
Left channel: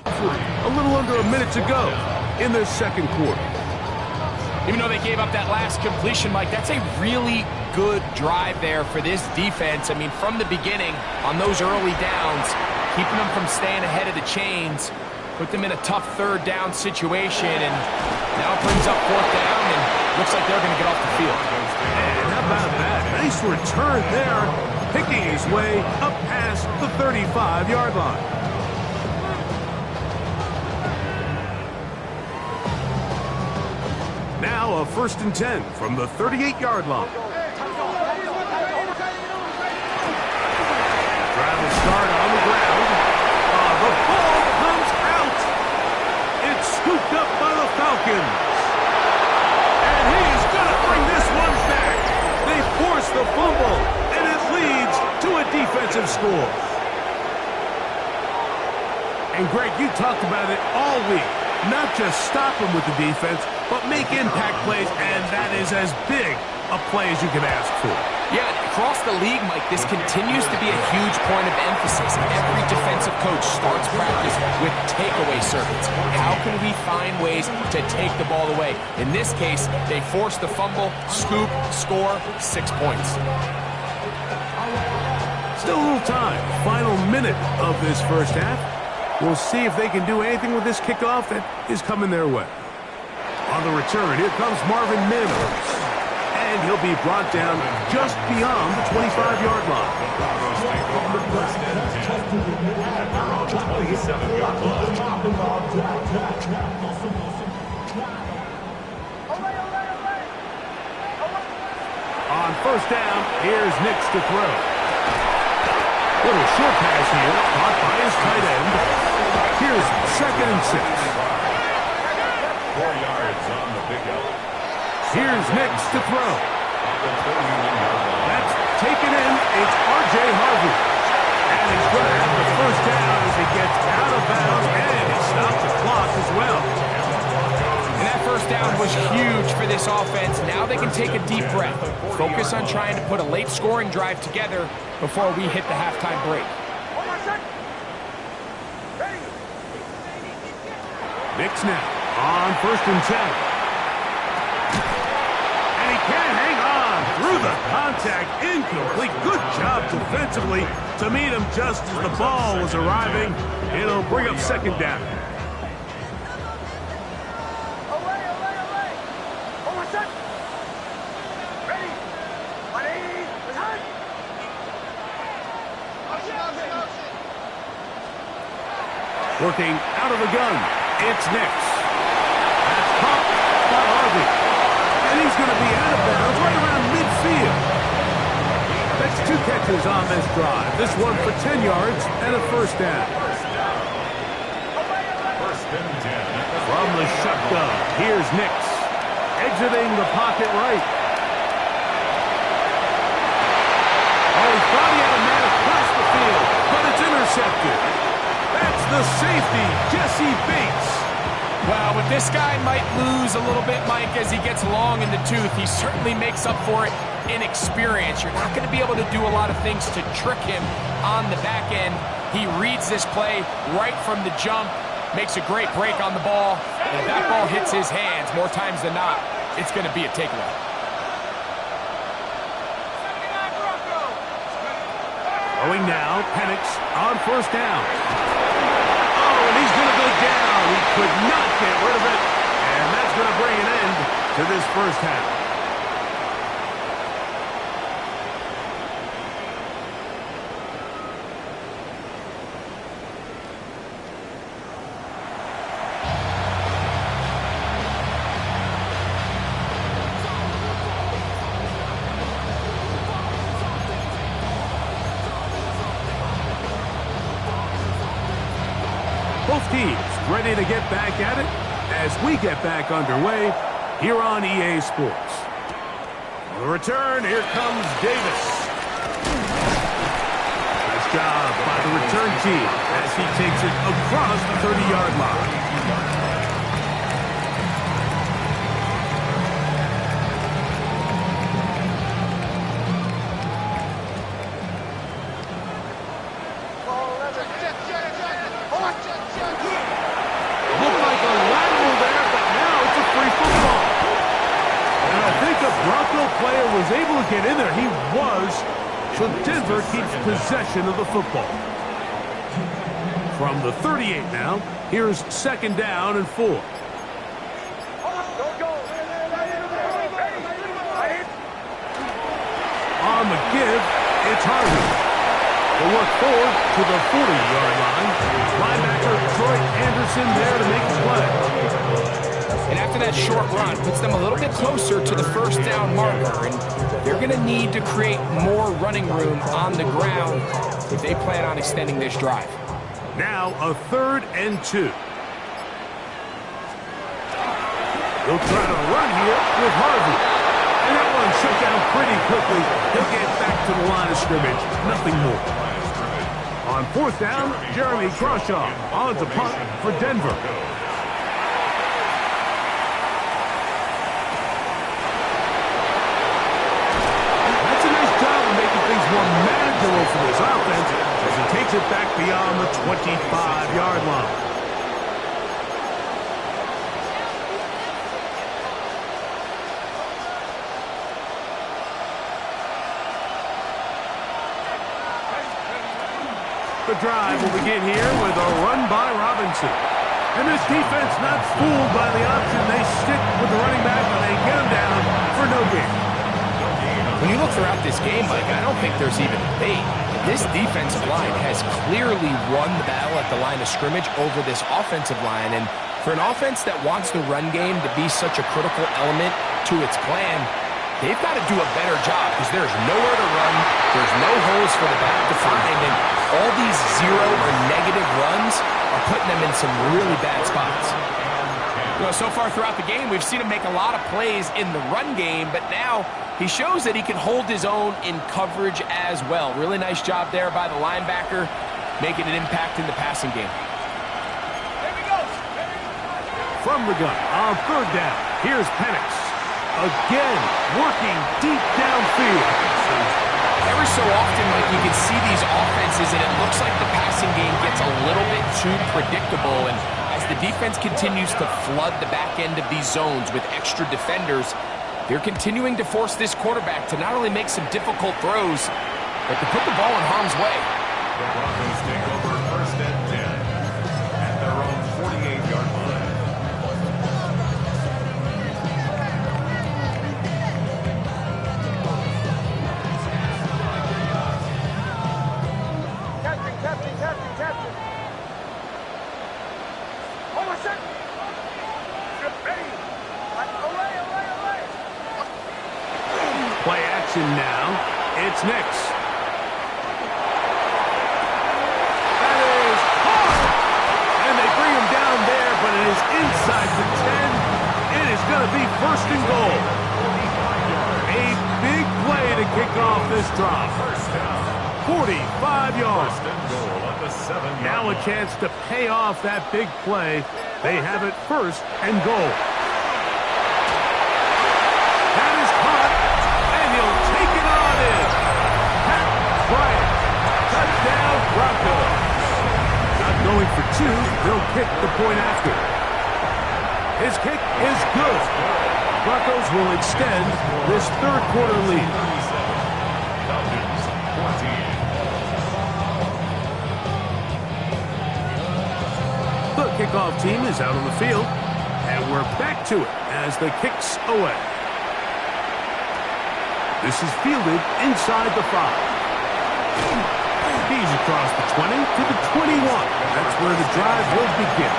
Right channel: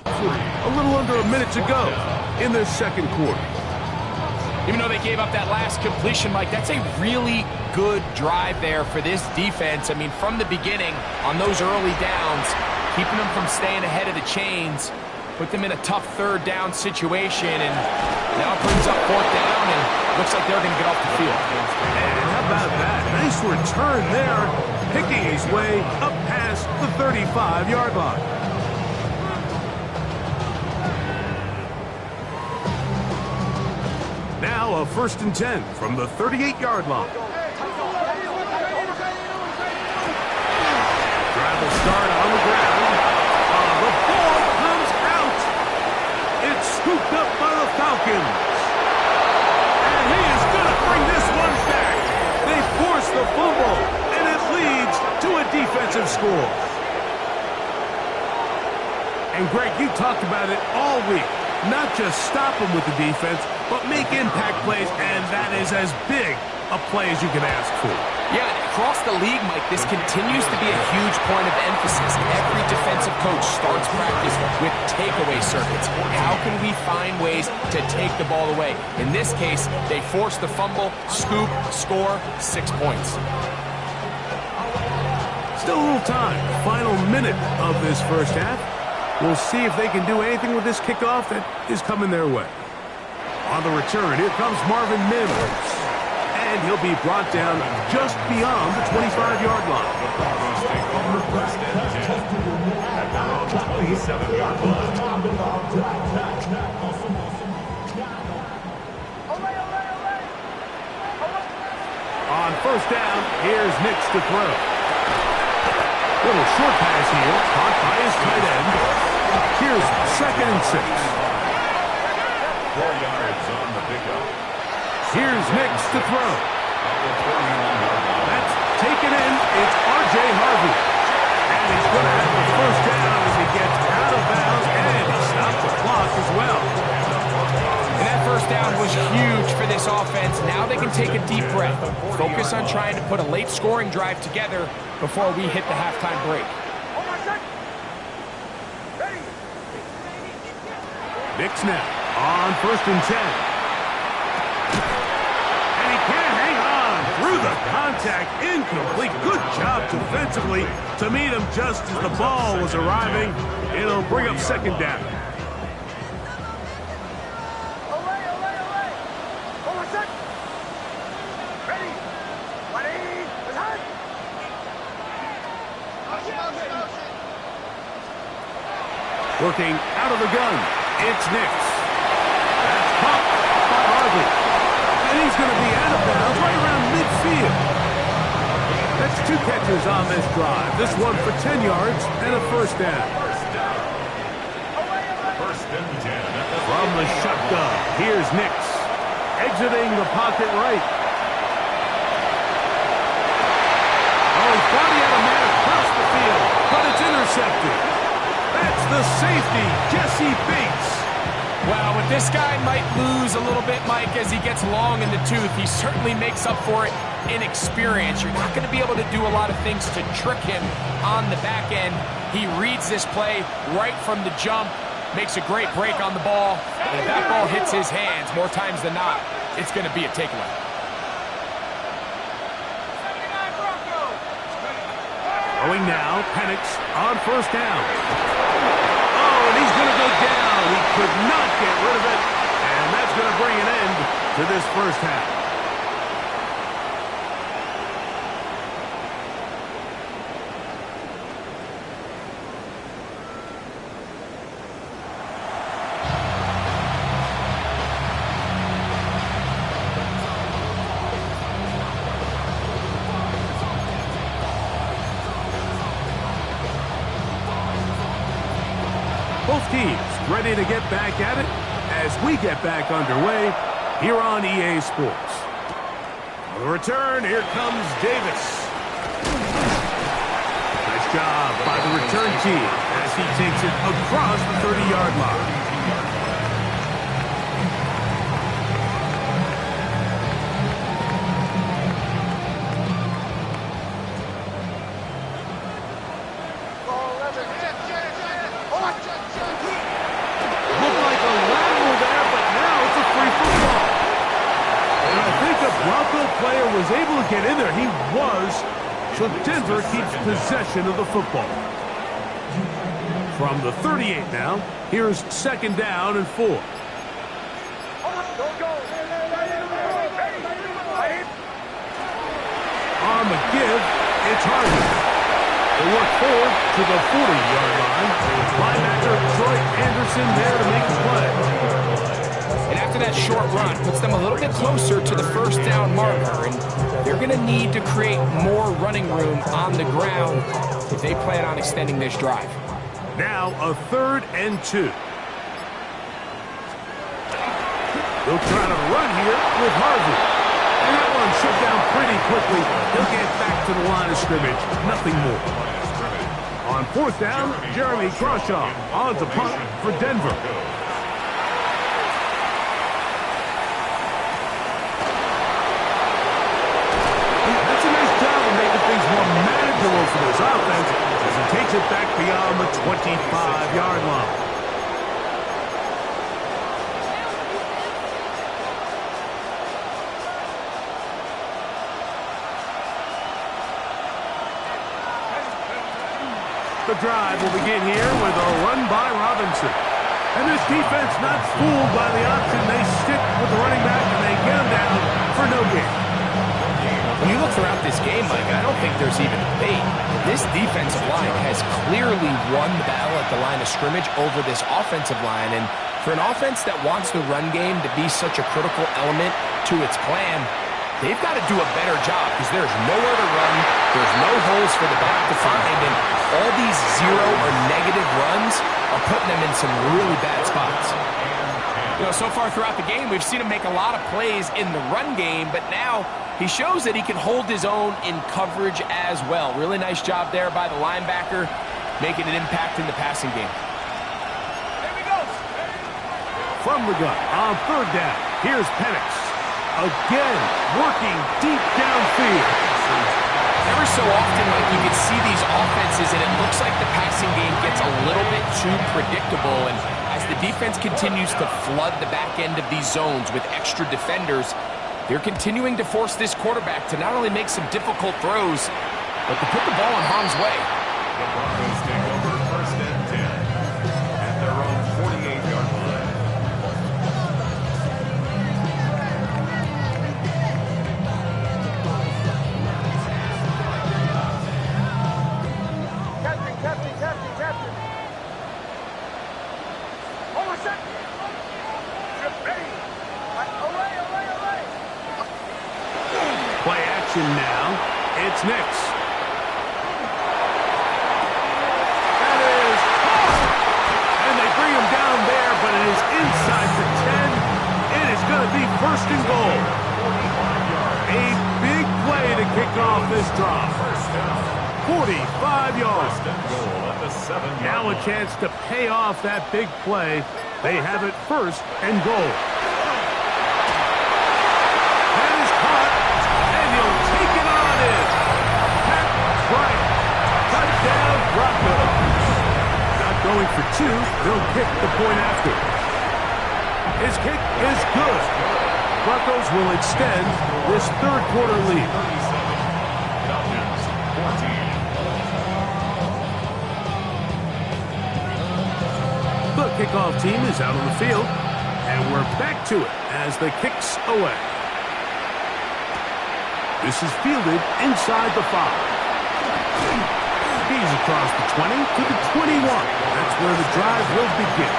A little under a minute to go in the 2nd quarter. Even though they gave up that last completion, Mike, that's a really good drive there for this defense. I mean, from the beginning, on those early downs, keeping them from staying ahead of the chains, put them in a tough 3rd down situation, and now it brings up 4th down, and looks like they're going to get off the field. And how about that? Nice return there, picking his way up past the 35-yard line. Now a 1st and 10 from the 38-yard line. Drive will start on the ground. The ball comes out. It's scooped up by the Falcons. And he is going to bring this one back. They force the fumble, and it leads to a defensive score. And Greg, you talked about it all week. Not just stop them with the defense, but make impact plays, and that is as big a play as you can ask for. Yeah, across the league, Mike, this continues to be a huge point of emphasis. Every defensive coach starts practice with takeaway circuits. How can we find ways to take the ball away? In this case, they force the fumble, scoop, score, 6 points. Still a little time. Final minute of this 1st half. We'll see if they can do anything with this kickoff that is coming their way. On the return, here comes Marvin Mims. And he'll be brought down just beyond the 25-yard line. Take over 1st and 10 at their own 27-yard line. On first down, here's Nix to throw. Little short pass here, caught by his tight end. Here's 2nd and 6. 4 yards on the pickup. Here's Nix to throw. At the 31-yard line. That's taken in. It's R.J. Harvey. And he's going to have the first down as he gets out of bounds, and he stopped the clock as well. And that first down was huge for this offense. Now they can take a deep breath. Focus on trying to put a late scoring drive together before we hit the halftime break. Nix now on 1st and 10. And he can't hang on through the contact. Incomplete. Good job defensively to meet him just as the ball was arriving. It'll bring up 2nd down. Working out of the gun, it's Nix. That's caught by Harvey. And he's going to be out of bounds right around midfield. That's 2 catches on this drive. This one for 10 yards and a first down. First and 10. From the shotgun, here's Nix. Exiting the pocket right. Oh, he thought he had a man across the field, but it's intercepted. That's the safety, Jesse Bates. Well, with this guy might lose a little bit, Mike, as he gets long in the tooth. He certainly makes up for it in experience. You're not going to be able to do a lot of things to trick him on the back end. He reads this play right from the jump, makes a great break on the ball, and if that ball hits his hands more times than not, it's going to be a takeaway. Throwing now, Penix on first down. Oh, and he's going to go down. He could not get rid of it, and that's going to bring an end to this first half. Both teams ready to get back at it as we get back underway here on EA Sports. On the return, here comes Davis. Nice job by the return team as he takes it across the 30-yard line. Looked like a lateral there, but now it's a free football. And I think the Bronco player was able to get in there. He was. So Denver keeps possession of the football. From the 38 now, here's 2nd down and 4. On the give, it's Harvey. They work forward to the 40-yard line. Linebacker Troy Anderson there to make the play. And after that short run, puts them a little bit closer to the first down marker. And they're going to need to create more running room on the ground if they plan on extending this drive. Now a 3rd and 2. They'll try to run here with Harvey. And that one shut down pretty quickly. He'll get back to the line of scrimmage. Nothing more. On 4th down, Jeremy Crawshaw on to punt for Denver. That's a nice job of making things more manageable for this offense as he takes it back beyond the 25-yard line. The drive will begin here with a run by Robinson. And this defense not fooled by the option. They stick with the running back and they get him down for no gain. When you look throughout this game, Mike, I don't think there's even a debate. This defensive line has clearly won the battle at the line of scrimmage over this offensive line. And for an offense that wants the run game to be such a critical element to its plan, they're going to they've got to do a better job because there's nowhere to run, there's no holes for the back to find, and all these zero or negative runs are putting them in some really bad spots. You know, so far throughout the game, we've seen him make a lot of plays in the run game, but now he shows that he can hold his own in coverage as well. Really nice job there by the linebacker, making an impact in the passing game. From the gun on third down, here's Penix. Again, working deep downfield. Every so often, like, you can see these offenses, and it looks like the passing game gets a little bit too predictable, and as the defense continues to flood the back end of these zones with extra defenders, they're continuing to force this quarterback to not only make some difficult throws, but to put the ball in harm's way. The Broncos take over 1st and 10 at their own 48-yard line. Captain. Hold on a second. Ready. Away. Play action now. It's Nix. That is caught. And they bring him down there, but it is inside the 10. It is going to be 1st and goal. A big play to kick off this drive. 45 yards. Now a chance to pay off that big play. They have it 1st and goal. That is caught, and he'll take it on in. Pat Bryant, touchdown Broncos. Not going for 2, they'll kick the point after. His kick is good. Broncos will extend this 3rd quarter lead. Falcons 14. The kickoff team is out on the field, and we're back to it as the kick's away. This is fielded inside the 5. He's across the 20 to the 21. That's where the drive will begin.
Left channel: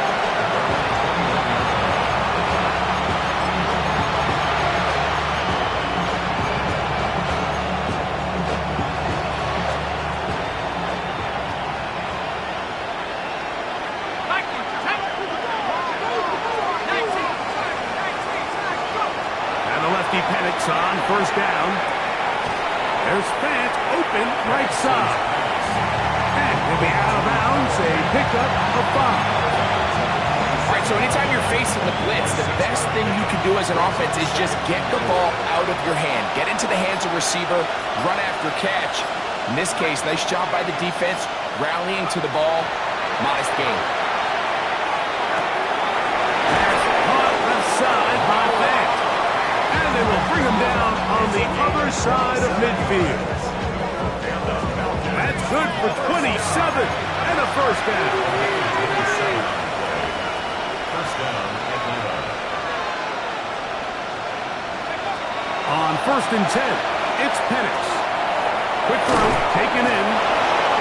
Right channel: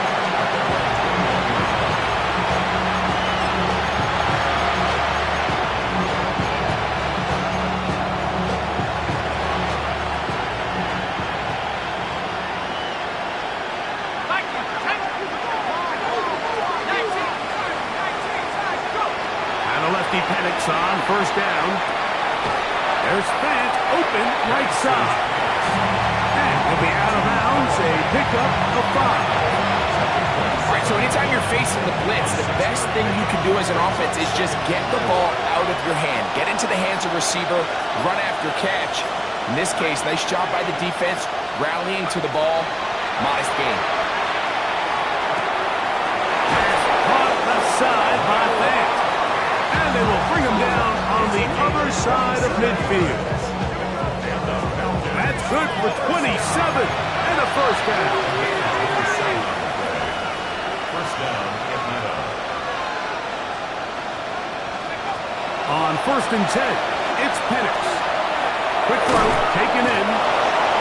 Penix on 1st down. There's Fant open right side. And he'll be out of bounds, a pickup of 5. All right, so anytime you're facing the blitz, the best thing you can do as an offense is just get the ball out of your hand. Get into the hands of receiver, run after catch. In this case, nice job by the defense, rallying to the ball. Modest gain. Pass caught left side by Fant. And they will bring him down on the other side of midfield. That's good for 27 and a 1st down. 1st down, Atlanta. On 1st and 10, it's Penix. Quick throw taken in,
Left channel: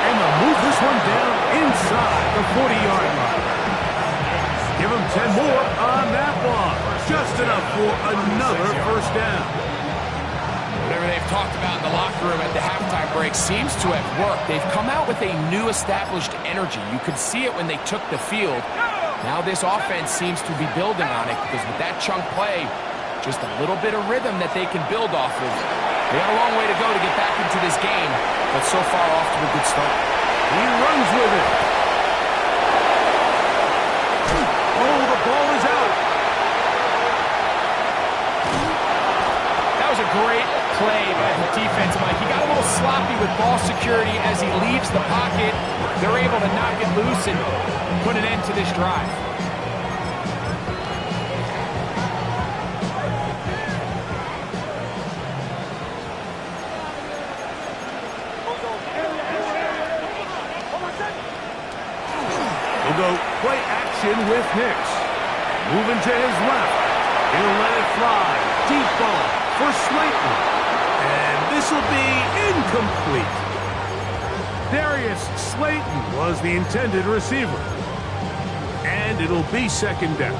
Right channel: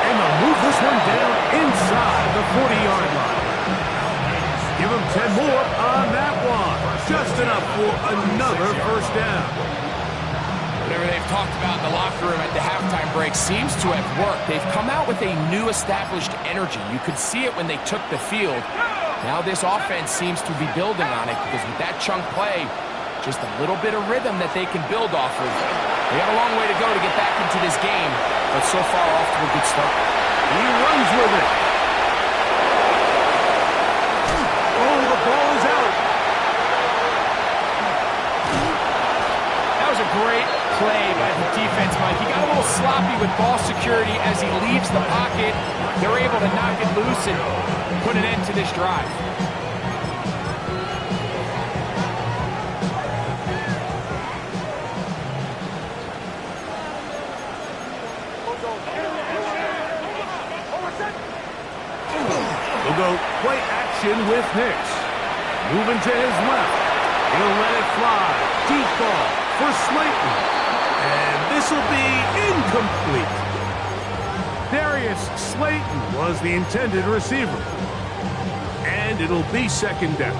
and they'll move this one down inside the 40-yard line. Give him 10 more on that one. Just enough for another 1st down. Whatever they've talked about in the locker room at the halftime break seems to have worked. They've come out with a new established energy. You could see it when they took the field. Now this offense seems to be building on it because with that chunk play, just a little bit of rhythm that they can build off of. They got a long way to go to get back into this game, but so far off to a good start. He runs with it. Oh, the ball is out. That was a great play by the defense, Mike. He got a little sloppy with ball security as he leaves the pocket. They're able to knock it loose and put an end to this drive. He'll go play action with Nix. Moving to his left. He'll let it fly. Deep ball for Slayton. And this will be incomplete. Darius Slayton was the intended receiver. And it'll be 2nd down.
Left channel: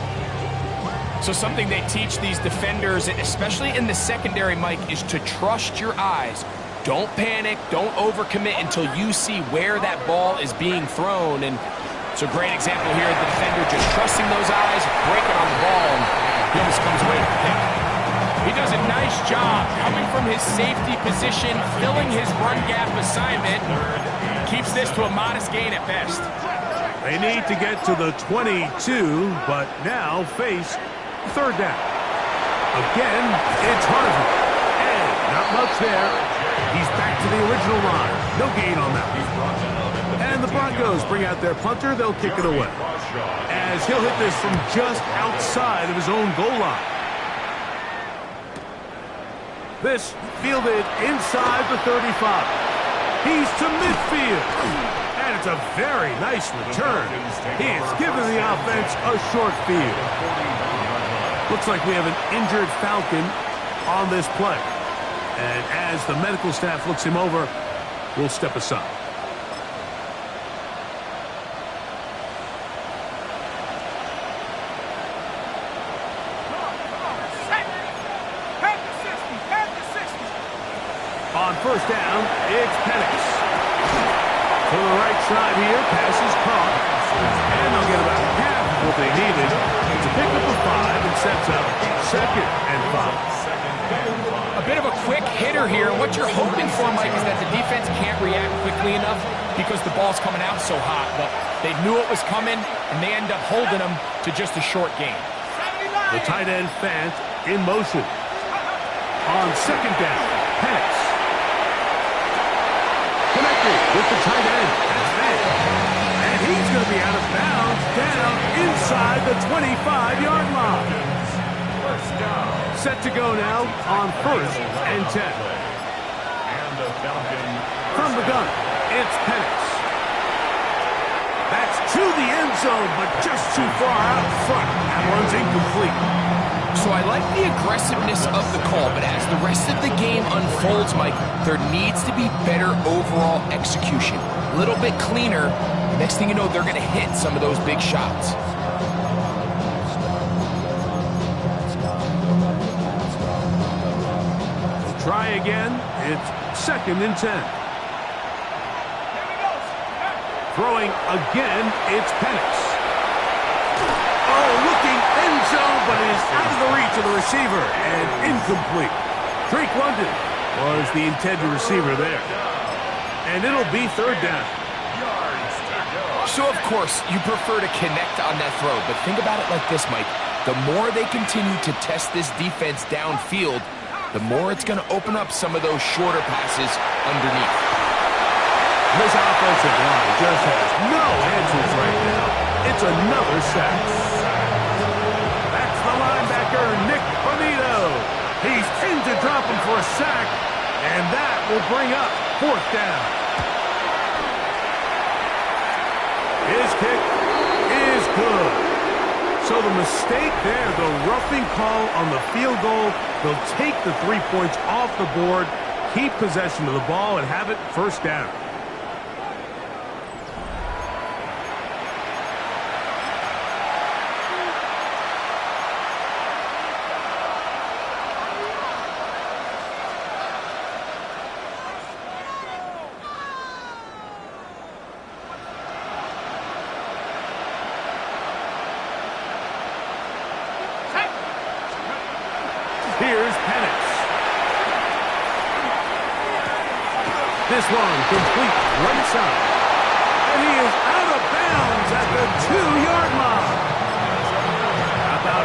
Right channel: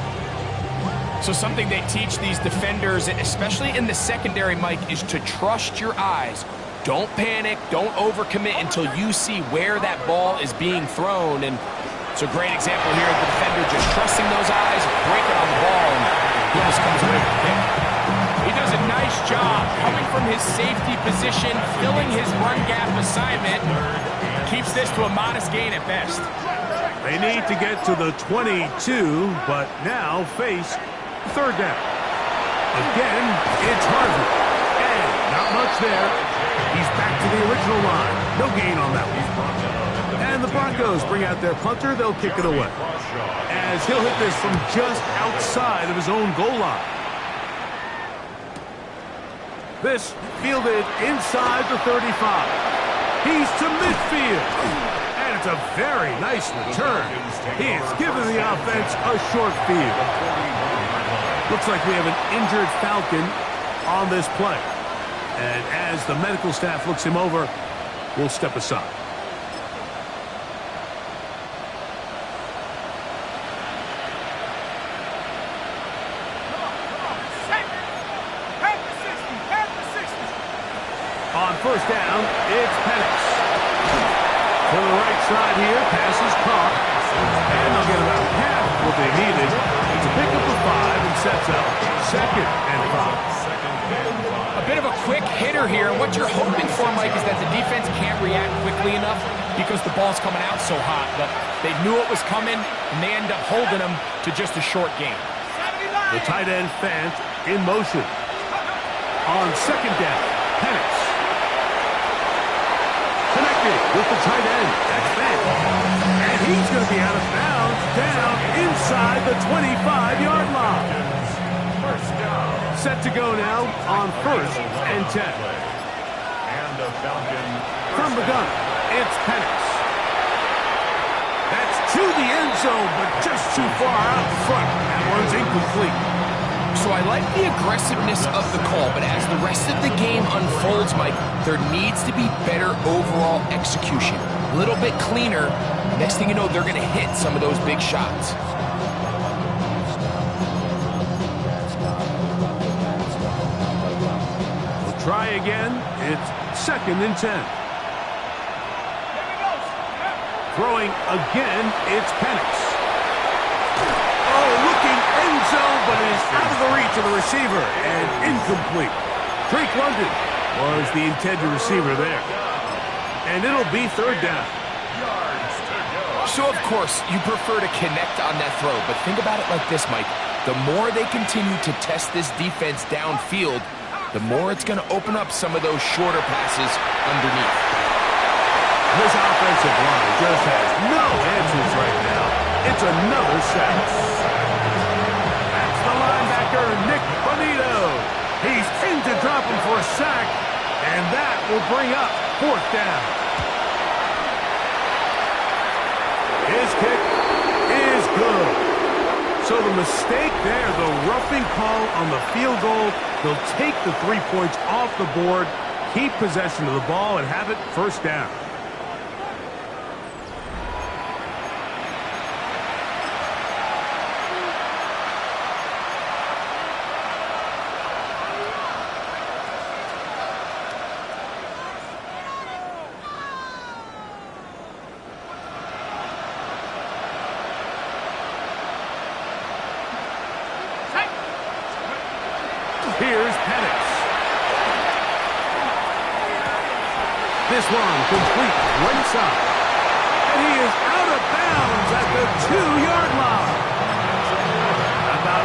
So something they teach these defenders, especially in the secondary, Mike, is to trust your eyes. Don't panic, don't overcommit until you see where that ball is being thrown. And it's a great example here of the defender just trusting those eyes, breaking on the ball, and he almost comes away with a pick. He does a nice job coming from his safety position, filling his run gap assignment. Keeps this to a modest gain at best. They need to get to the 22, but now face third down. Again, it's Harvey. And not much there. He's back to the original line. No gain on that one. And the Broncos bring out their punter. They'll kick it away, as he'll hit this from just outside of his own goal line. This fielded inside the 35. He's to midfield. And it's a very nice return. He has given the offense a short field. Looks like we have an injured Falcon on this play. And as the medical staff looks him over, we'll step aside. On first down, it's Penix. To the right side here, pass is caught. And they'll get about half of what they needed to pick up a 5 and sets up second and 5. A bit of a quick hitter here. And what you're hoping for, Mike, is that the defense can't react quickly enough because the ball's coming out so hot. But they knew it was coming, and they end up holding them to just a short gain. The tight end Fant in motion. On second down, Penix. Connected with the tight end. That's Fant. And he's going to be out of bounds down inside the 25-yard line. First down. Set to go now on first and 10. And the Falcon. From the gun, it's Penix. That's to the end zone, but just too far out front. That one's incomplete. So I like the aggressiveness of the call, but as the rest of the game unfolds, Mike, there needs to be better overall execution. A little bit cleaner. Next thing you know, they're going to hit some of those big shots. We'll try again. It's second and 10. Throwing again, it's Penix. Oh, looking end zone, but it is out of the reach of the receiver and incomplete. Drake London was the intended receiver there. And it'll be third down. So, of course, you prefer to connect on that throw, but think about it like this, Mike. The more they continue to test this defense downfield, the more it's going to open up some of those shorter passes underneath. This offensive line just has no answers right now. It's another sack. That's the linebacker, Nick Bonito. He's in to drop him for a sack, and that will bring up fourth down. His kick is good. So the mistake there, the roughing call on the field goal, they'll take the 3 points off the board, keep possession of the ball, and have it first down. Here's Penix. This one complete right side. And he is out of bounds at the 2-yard line. About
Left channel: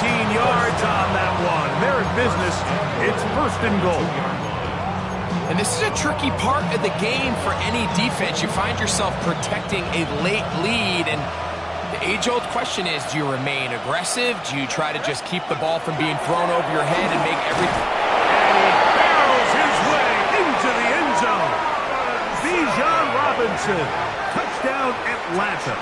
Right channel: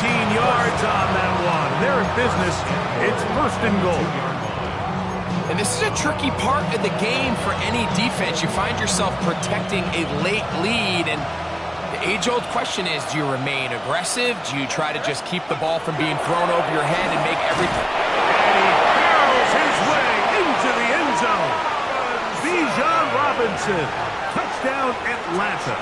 19 yards on that one. They're in business. It's first and goal. And this is a tricky part of the game for any defense. You find yourself protecting a late lead, and the age-old question is, do you remain aggressive? Do you try to just keep the ball from being thrown over your head and make everything? And he barrels his way into the end zone. Bijan Robinson. Touchdown, Atlanta.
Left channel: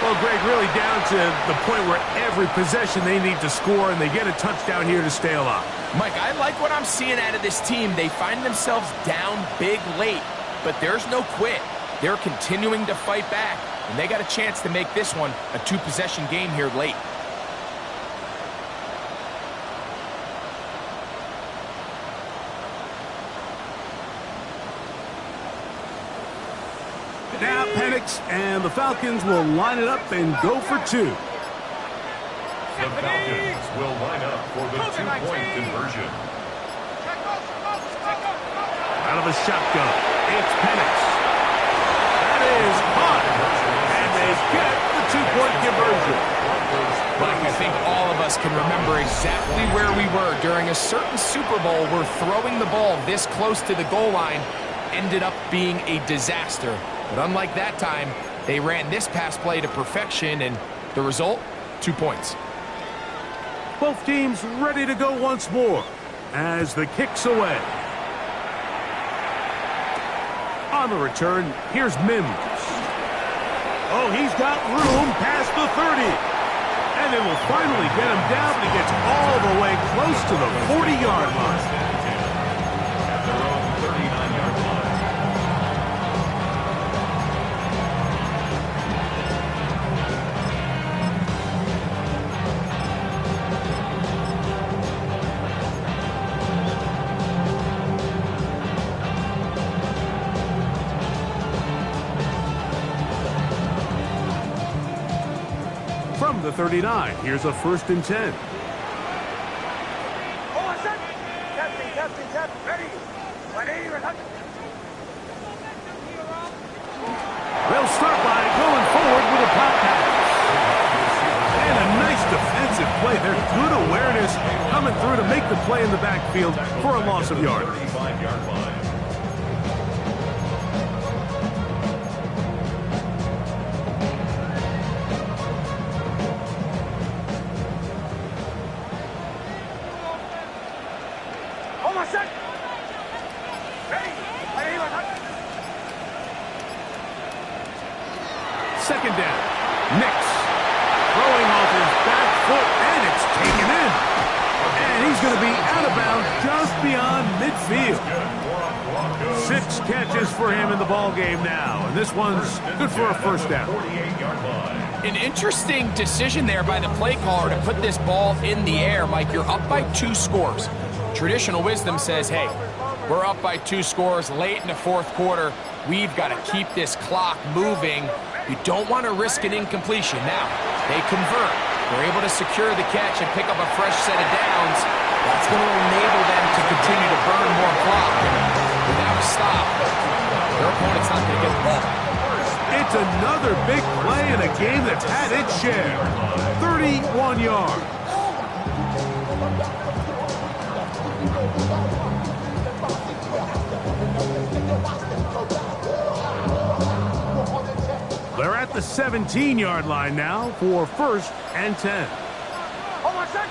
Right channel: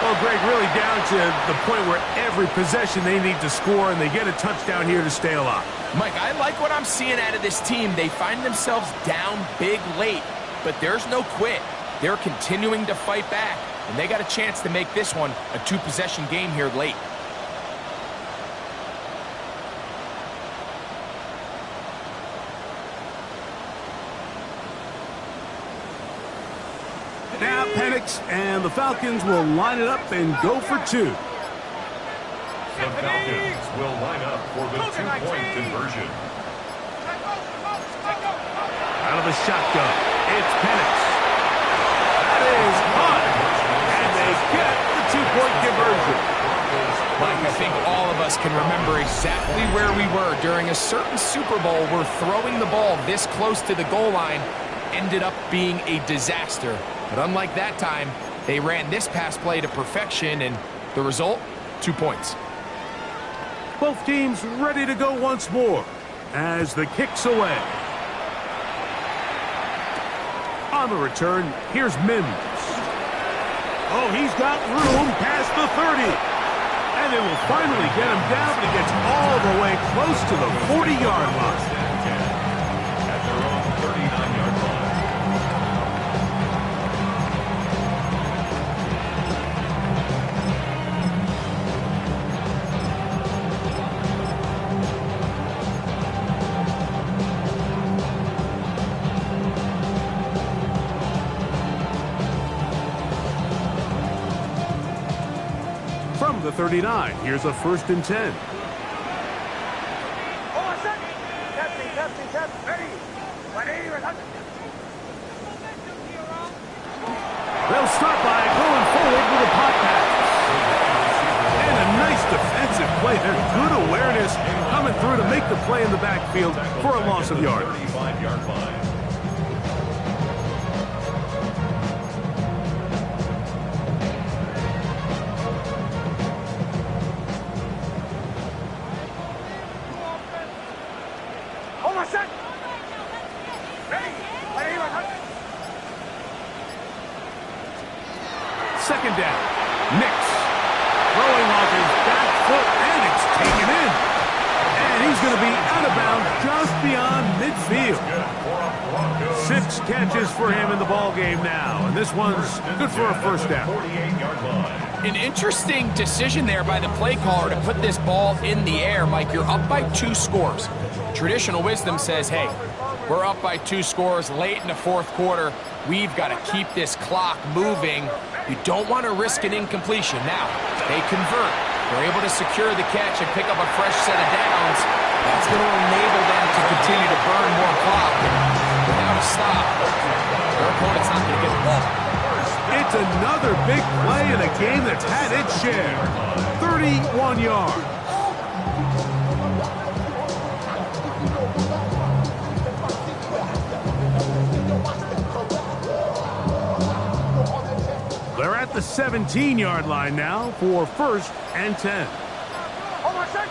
Well, Greg, really down to the point where every possession they need to score, and they get a touchdown here to stay alive. Mike, I like what I'm seeing out of this team. They find themselves down big late, but there's no quit. They're continuing to fight back. and they got a chance to make this one a two-possession game here late. Now Penix and the Falcons will line it up and go for two. The Falcons will line up for the two-point conversion. Out of a shotgun, it's Penix. That is hot, and they get the two-point conversion. Mike, I think all of us can remember exactly where we were during a certain Super Bowl where throwing the ball this close to the goal line ended up being a disaster. But unlike that time, they ran this pass play to perfection, and the result, 2 points. Both teams ready to go once more as the kick's away. On the return, here's Mims. Oh, he's got room past the 30. And they will finally get him down, but he gets all the way close to the 40-yard line. At their own 39-yard line. From the 39, here's a 1st and 10. They'll start by going forward with a pop pass. And a nice defensive play there. Good awareness coming through to make the play in the backfield for a loss of yard. 35-yard line. Second down. Nix throwing off his back foot, and it's taken in. And he's going to be out of bounds just beyond midfield. 6 catches for him in the ball game now, and this one's good for a 1st down. 48-yard line. An interesting decision there by the play caller to put this ball in the air. Mike, you're up by 2 scores. Traditional wisdom says, hey, we're up by 2 scores late in the 4th quarter. We've got to keep this clock moving. You don't want to risk an incompletion. Now, they convert. They're able to secure the catch and pick up a fresh set of downs. That's going to enable them to continue to burn more clock. And without a stop, their opponent's not going to get the ball back. It's another big play in a game that's had its share. 31 yards. They're at the 17-yard line now for 1st and 10. Hold on, son.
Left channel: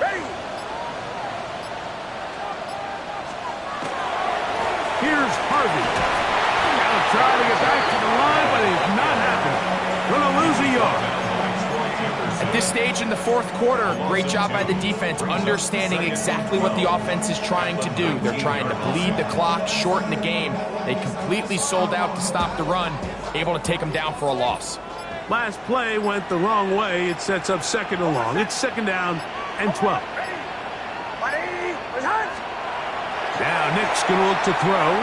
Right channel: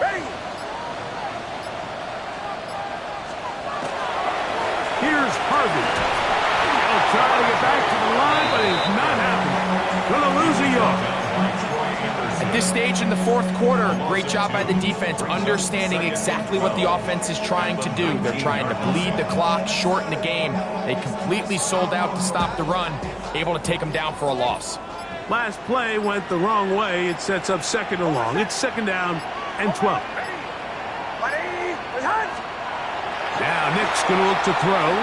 Ready. Here's Harvey. He'll try to get back to the line, but he's not happening. Gonna lose a yard. At this stage in the 4th quarter, great job by the defense understanding exactly what the offense is trying to do. They're trying to bleed the clock, shorten the game. They completely sold out to stop the run, able to take them down for a loss. Last play went the wrong way. It sets up 2nd and long. It's 2nd down and 12. Now Nick's going to look to throw.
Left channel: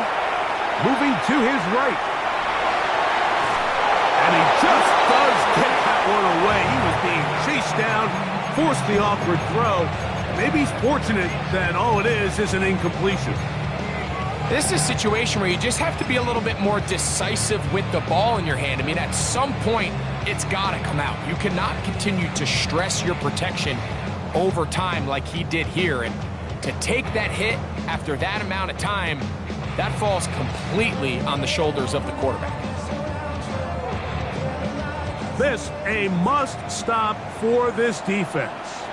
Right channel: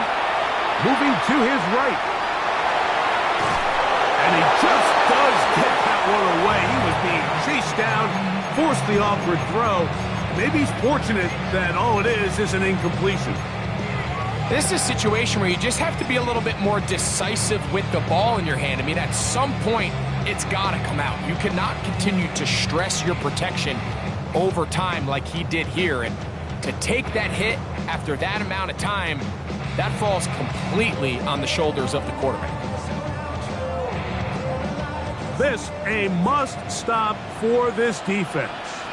Moving to his right. And he just does get that one away. He was being chased down, forced the awkward throw. Maybe he's fortunate that all it is an incompletion. This is a situation where you just have to be a little bit more decisive with the ball in your hand. I mean, at some point, it's got to come out. You cannot continue to stress your protection over time like he did here. And to take that hit after that amount of time, that falls completely on the shoulders of the quarterback. This a must-stop for this defense.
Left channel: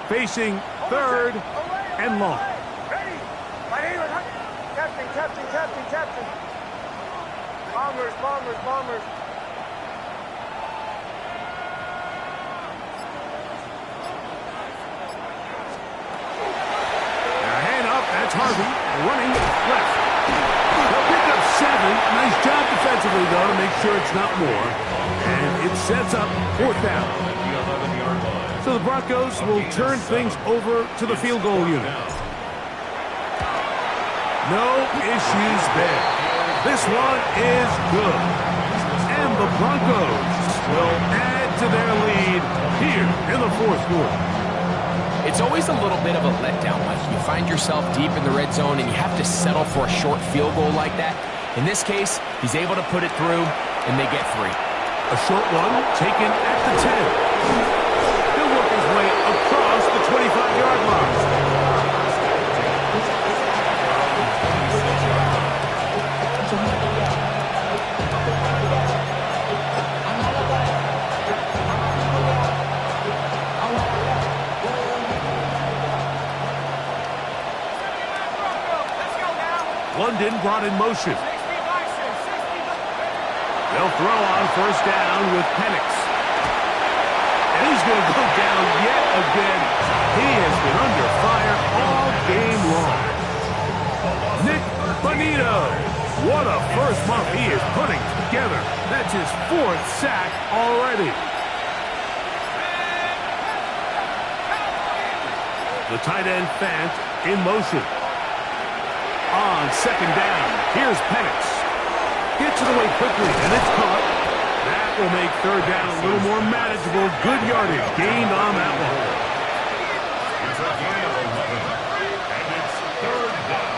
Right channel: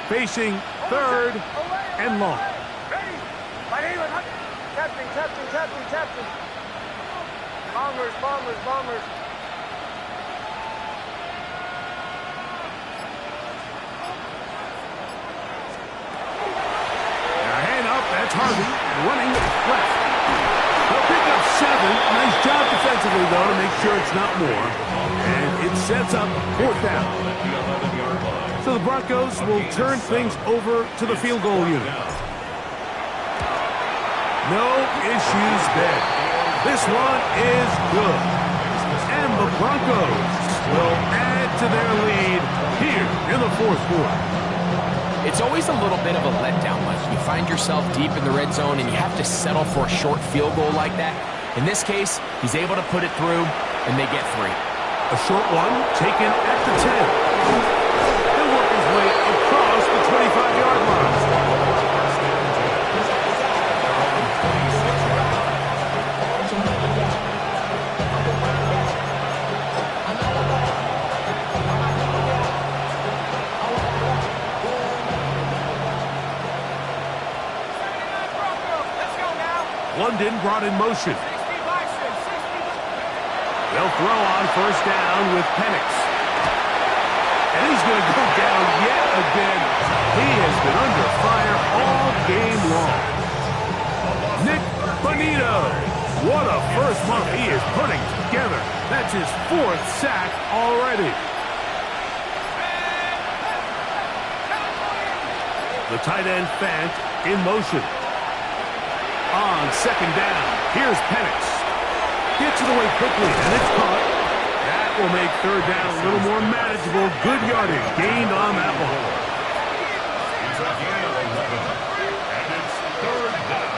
Facing 3rd and long. Ready. Captain. Bombers. Now hand up, that's Harvey. Running left. They'll pick up 7. Nice job defensively, though, to make sure it's not more. And it sets up 4th down. At the 11-yard line. So the Broncos will turn things over to the field goal unit. No issues there. This one is good. And the Broncos will add to their lead here in the 4th quarter. It's always a little bit of a letdown, Mike. You find yourself deep in the red zone and you have to settle for a short field goal like that. In this case, he's able to put it through, and they get 3. A short one taken at the 10. He'll work his way across the 25-yard line. London brought in motion. They'll throw on 1st down with Penix. And he's going to go down yet again. He has been under fire all game long. Nick Bonito. What a first month he is putting together. That's his 4th sack already. The tight end Fant in motion. On 2nd down, here's Penix. Gets it away quickly, and it's caught. That will make 3rd down a little more manageable. Good yardage gained on that one. It's a gain of 11, and it's 3rd down.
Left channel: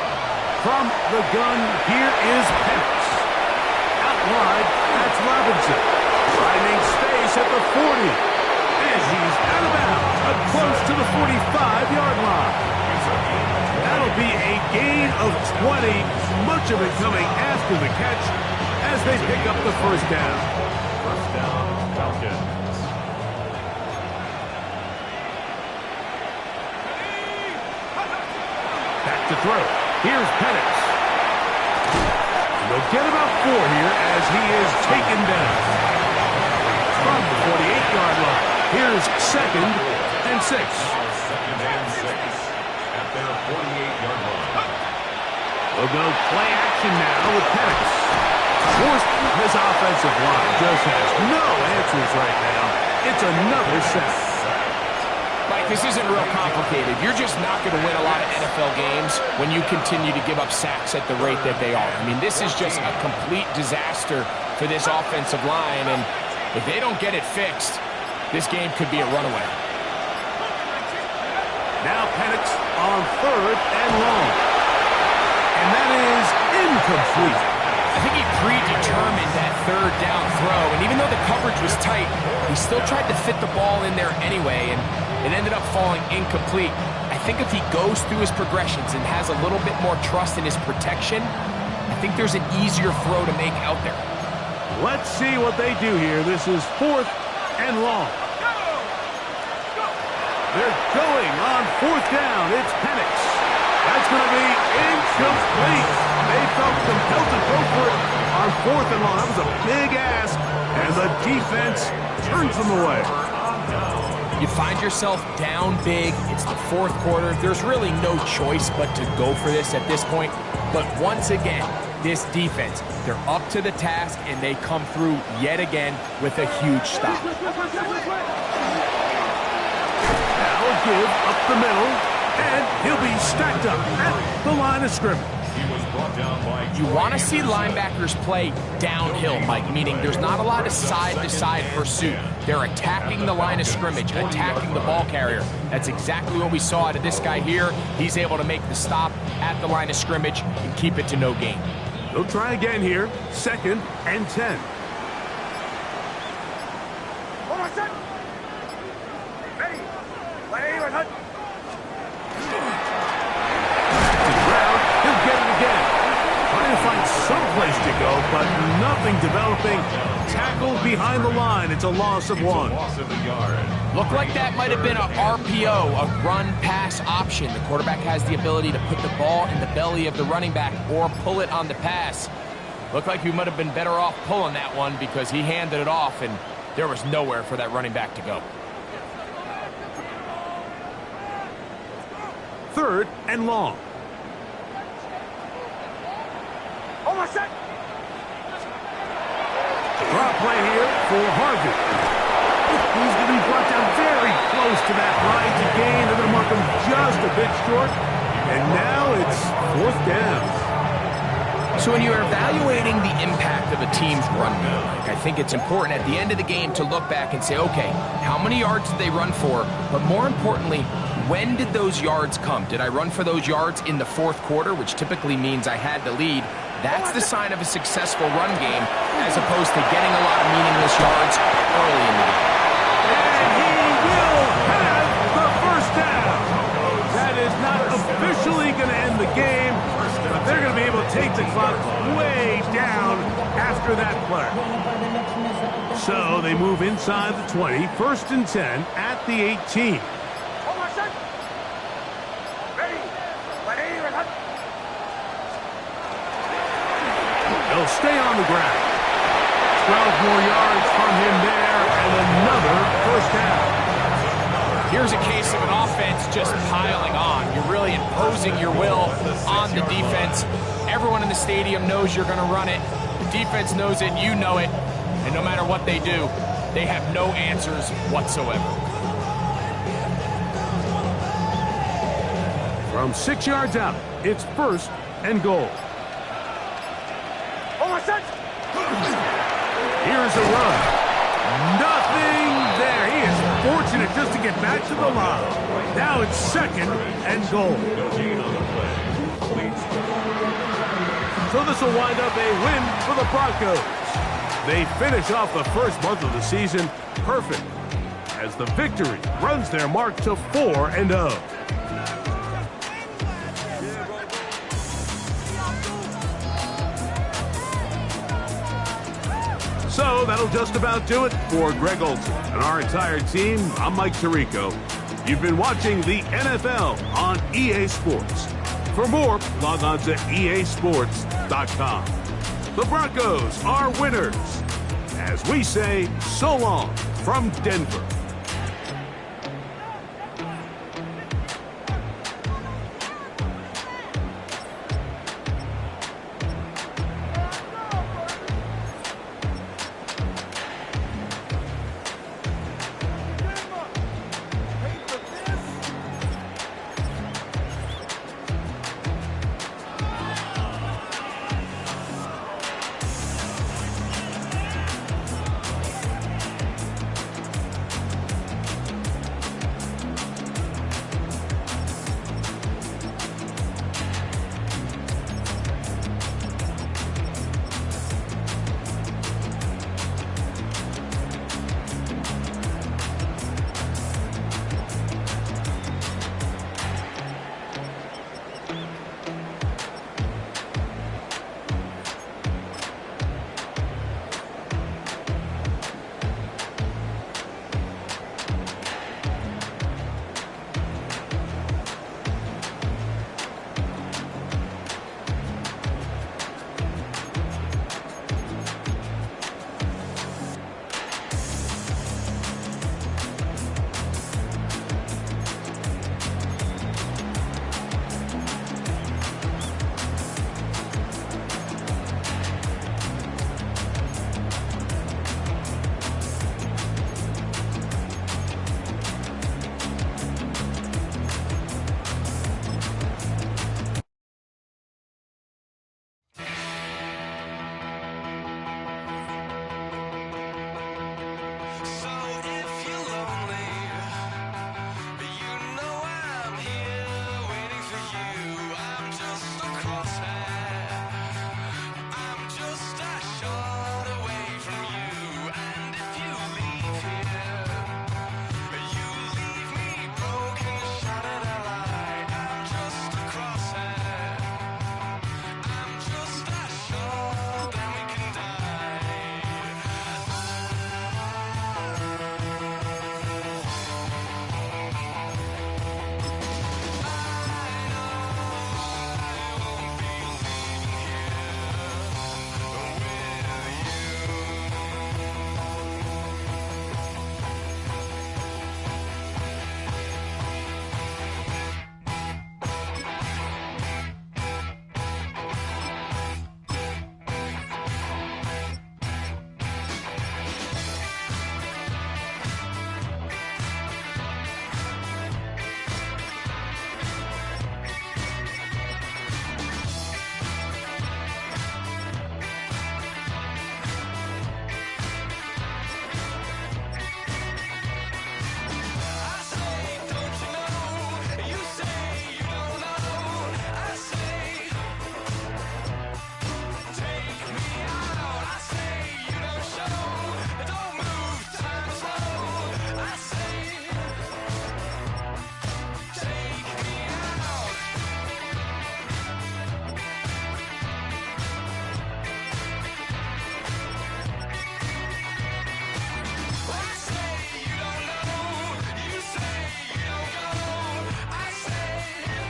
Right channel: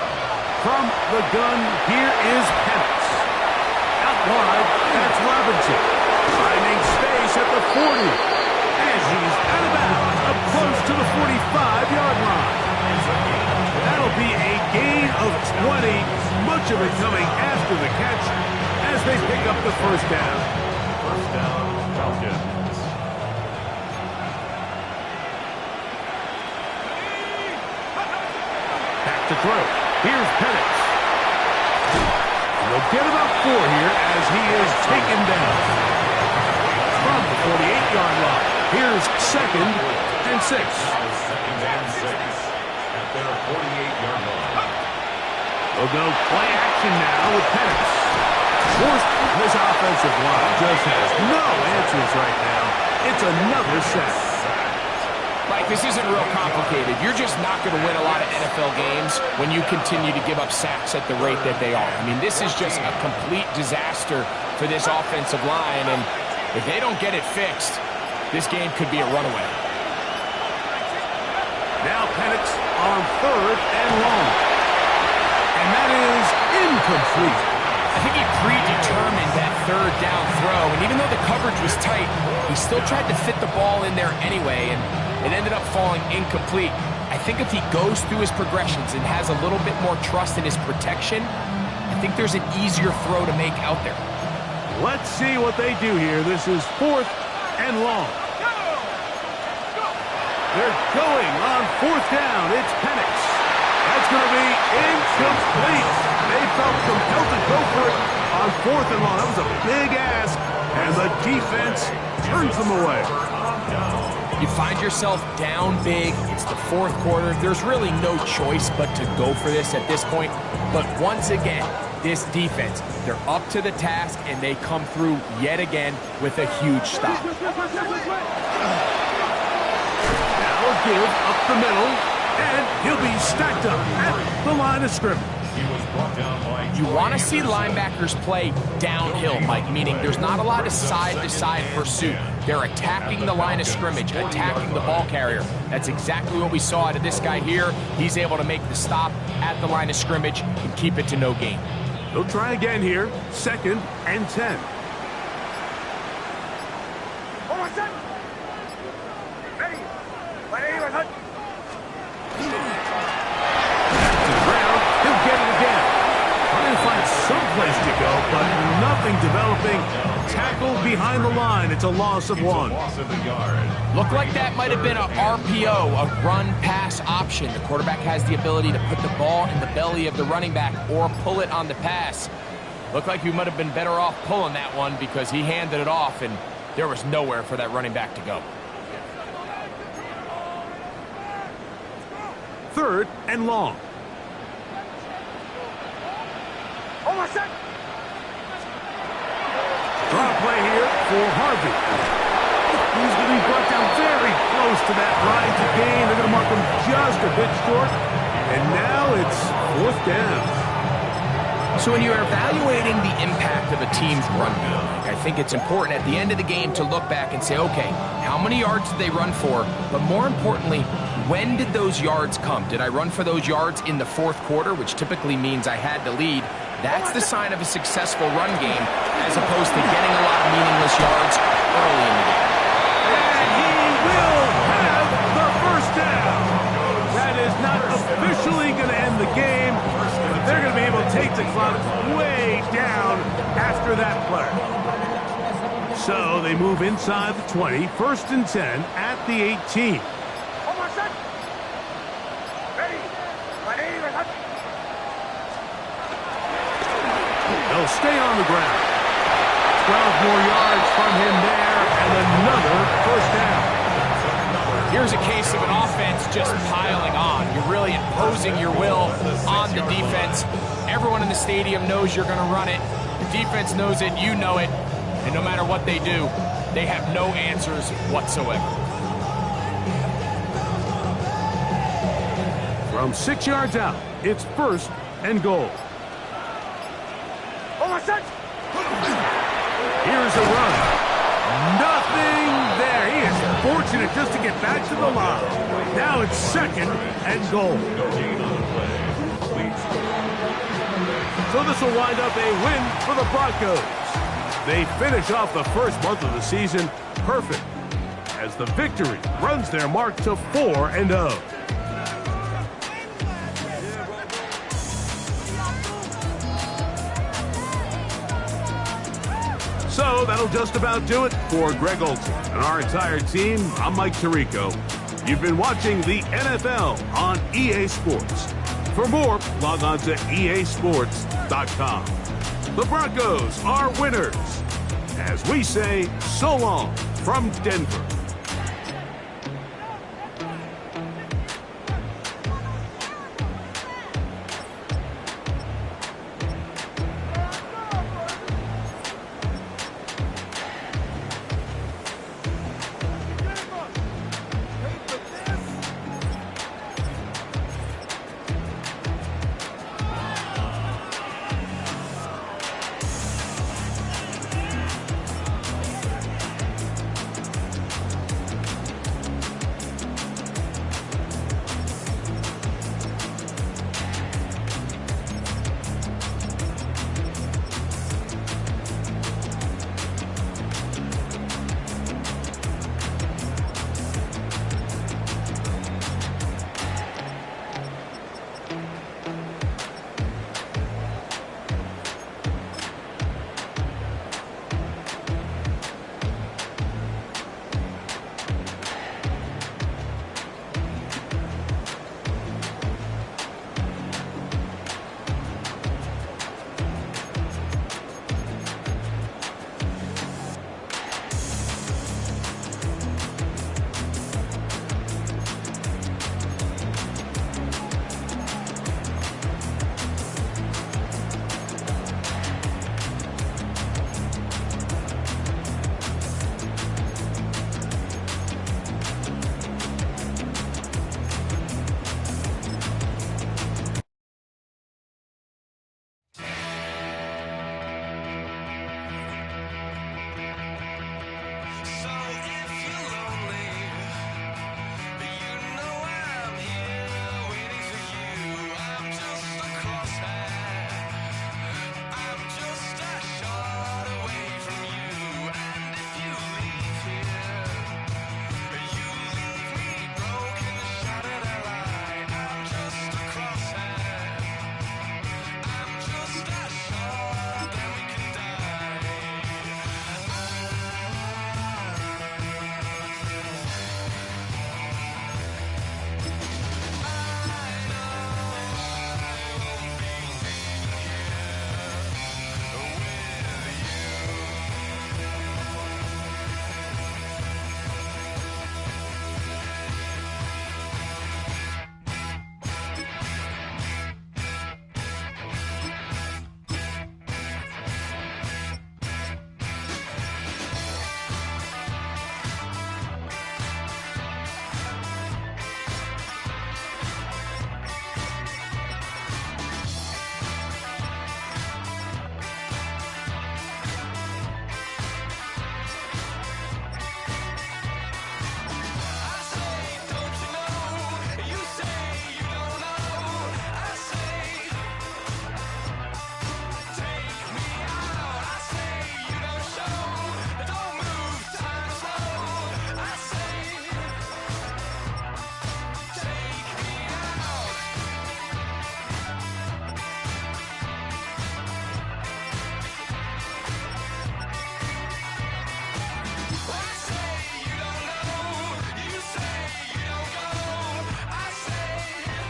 From the gun, here is Penix. Out wide, that's Robinson. Finding space at the 40. And he's out of bounds, up close to the 45-yard line. That'll be a gain of 20, much of it coming after the catch as they pick up the 1st down. 1st down, Falcons. Back to throw. Here's Penix. And they'll get about 4 here as he is taken down. From the 48-yard line, here's 2nd and 6. 2nd and 6. At their 48-yard line. They'll go play action now with Penix. Forced, this offensive line just has no answers right now. It's another sack. Mike, this isn't real complicated. You're just not going to win a lot of NFL games when you continue to give up sacks at the rate that they are. I mean, this is just a complete disaster for this offensive line, and if they don't get it fixed, this game could be a runaway. Now Penix on 3rd and long. And that is incomplete. I think he predetermined that 3rd down throw, and even though the coverage was tight, he still tried to fit the ball in there anyway, and it ended up falling incomplete. I think if he goes through his progressions and has a little bit more trust in his protection, I think there's an easier throw to make out there. Let's see what they do here. This is 4th and long. They're going on 4th down. It's Penix. That's going to be incomplete. They felt compelled to go for it on 4th and long. That was a big ask, and the defense turns them away. You find yourself down big. It's the 4th quarter. There's really no choice but to go for this at this point. But once again, this defense, they're up to the task, and they come through yet again with a huge stop. Now a give up the middle, and he'll be stacked up at the line of scrimmage. He was brought down by You want to see linebackers play downhill, Mike, meaning there's not a lot of side-to-side pursuit. They're attacking the line of scrimmage, attacking the ball carrier. That's exactly what we saw out of this guy here. He's able to make the stop at the line of scrimmage and keep it to no gain. They'll try again here, 2nd and 10. Hold on, son. Ready. Back To the ground, he'll get it again. Trying to find some place to go, but nothing developing. Tackled behind the line. It's a loss of 1. loss of a yard. Looked like that might have been a RPO, a run-pass option. The quarterback has the ability to put the ball in the belly of the running back or pull it on the pass. Looked like he might have been better off pulling that one because he handed it off, and there was nowhere for that running back to go. 3rd and long. Hold on, Draw play here for Harvey. He's going to be brought down very close to that line to gain. They're going to mark him just a bit short. And now it's 4th down. So when you're evaluating the impact of a team's run game, I think it's important at the end of the game to look back and say, okay, how many yards did they run for? But more importantly, when did those yards come? Did I run for those yards in the 4th quarter, which typically means I had to lead? That's the sign of a successful run game, as opposed to getting a lot of meaningless yards early in the game. And he will have the 1st down. That is not officially going to end the game, but they're going to be able to take the clock way down after that play. So they move inside the 20, 1st and 10 at the 18. They'll stay on the ground. 12 more yards from him there, and another 1st down. Here's a case of an offense just piling on. You're really imposing your will on the defense. Everyone in the stadium knows you're going to run it. The defense knows it, you know it. And no matter what they do, they have no answers whatsoever. From 6 yards out, it's 1st and goal. Here's a run. Nothing there. He is fortunate just to get back to the line. Now it's 2nd and goal. So this will wind up a win for the Broncos. They finish off the 1st month of the season perfect, as the victory runs their mark to 4-0. So that'll just about do it for Greg Olson and our entire team. I'm Mike Tirico. You've been watching the NFL on EA Sports. For more, log on to easports.com. The Broncos are winners. As we say, so long from Denver.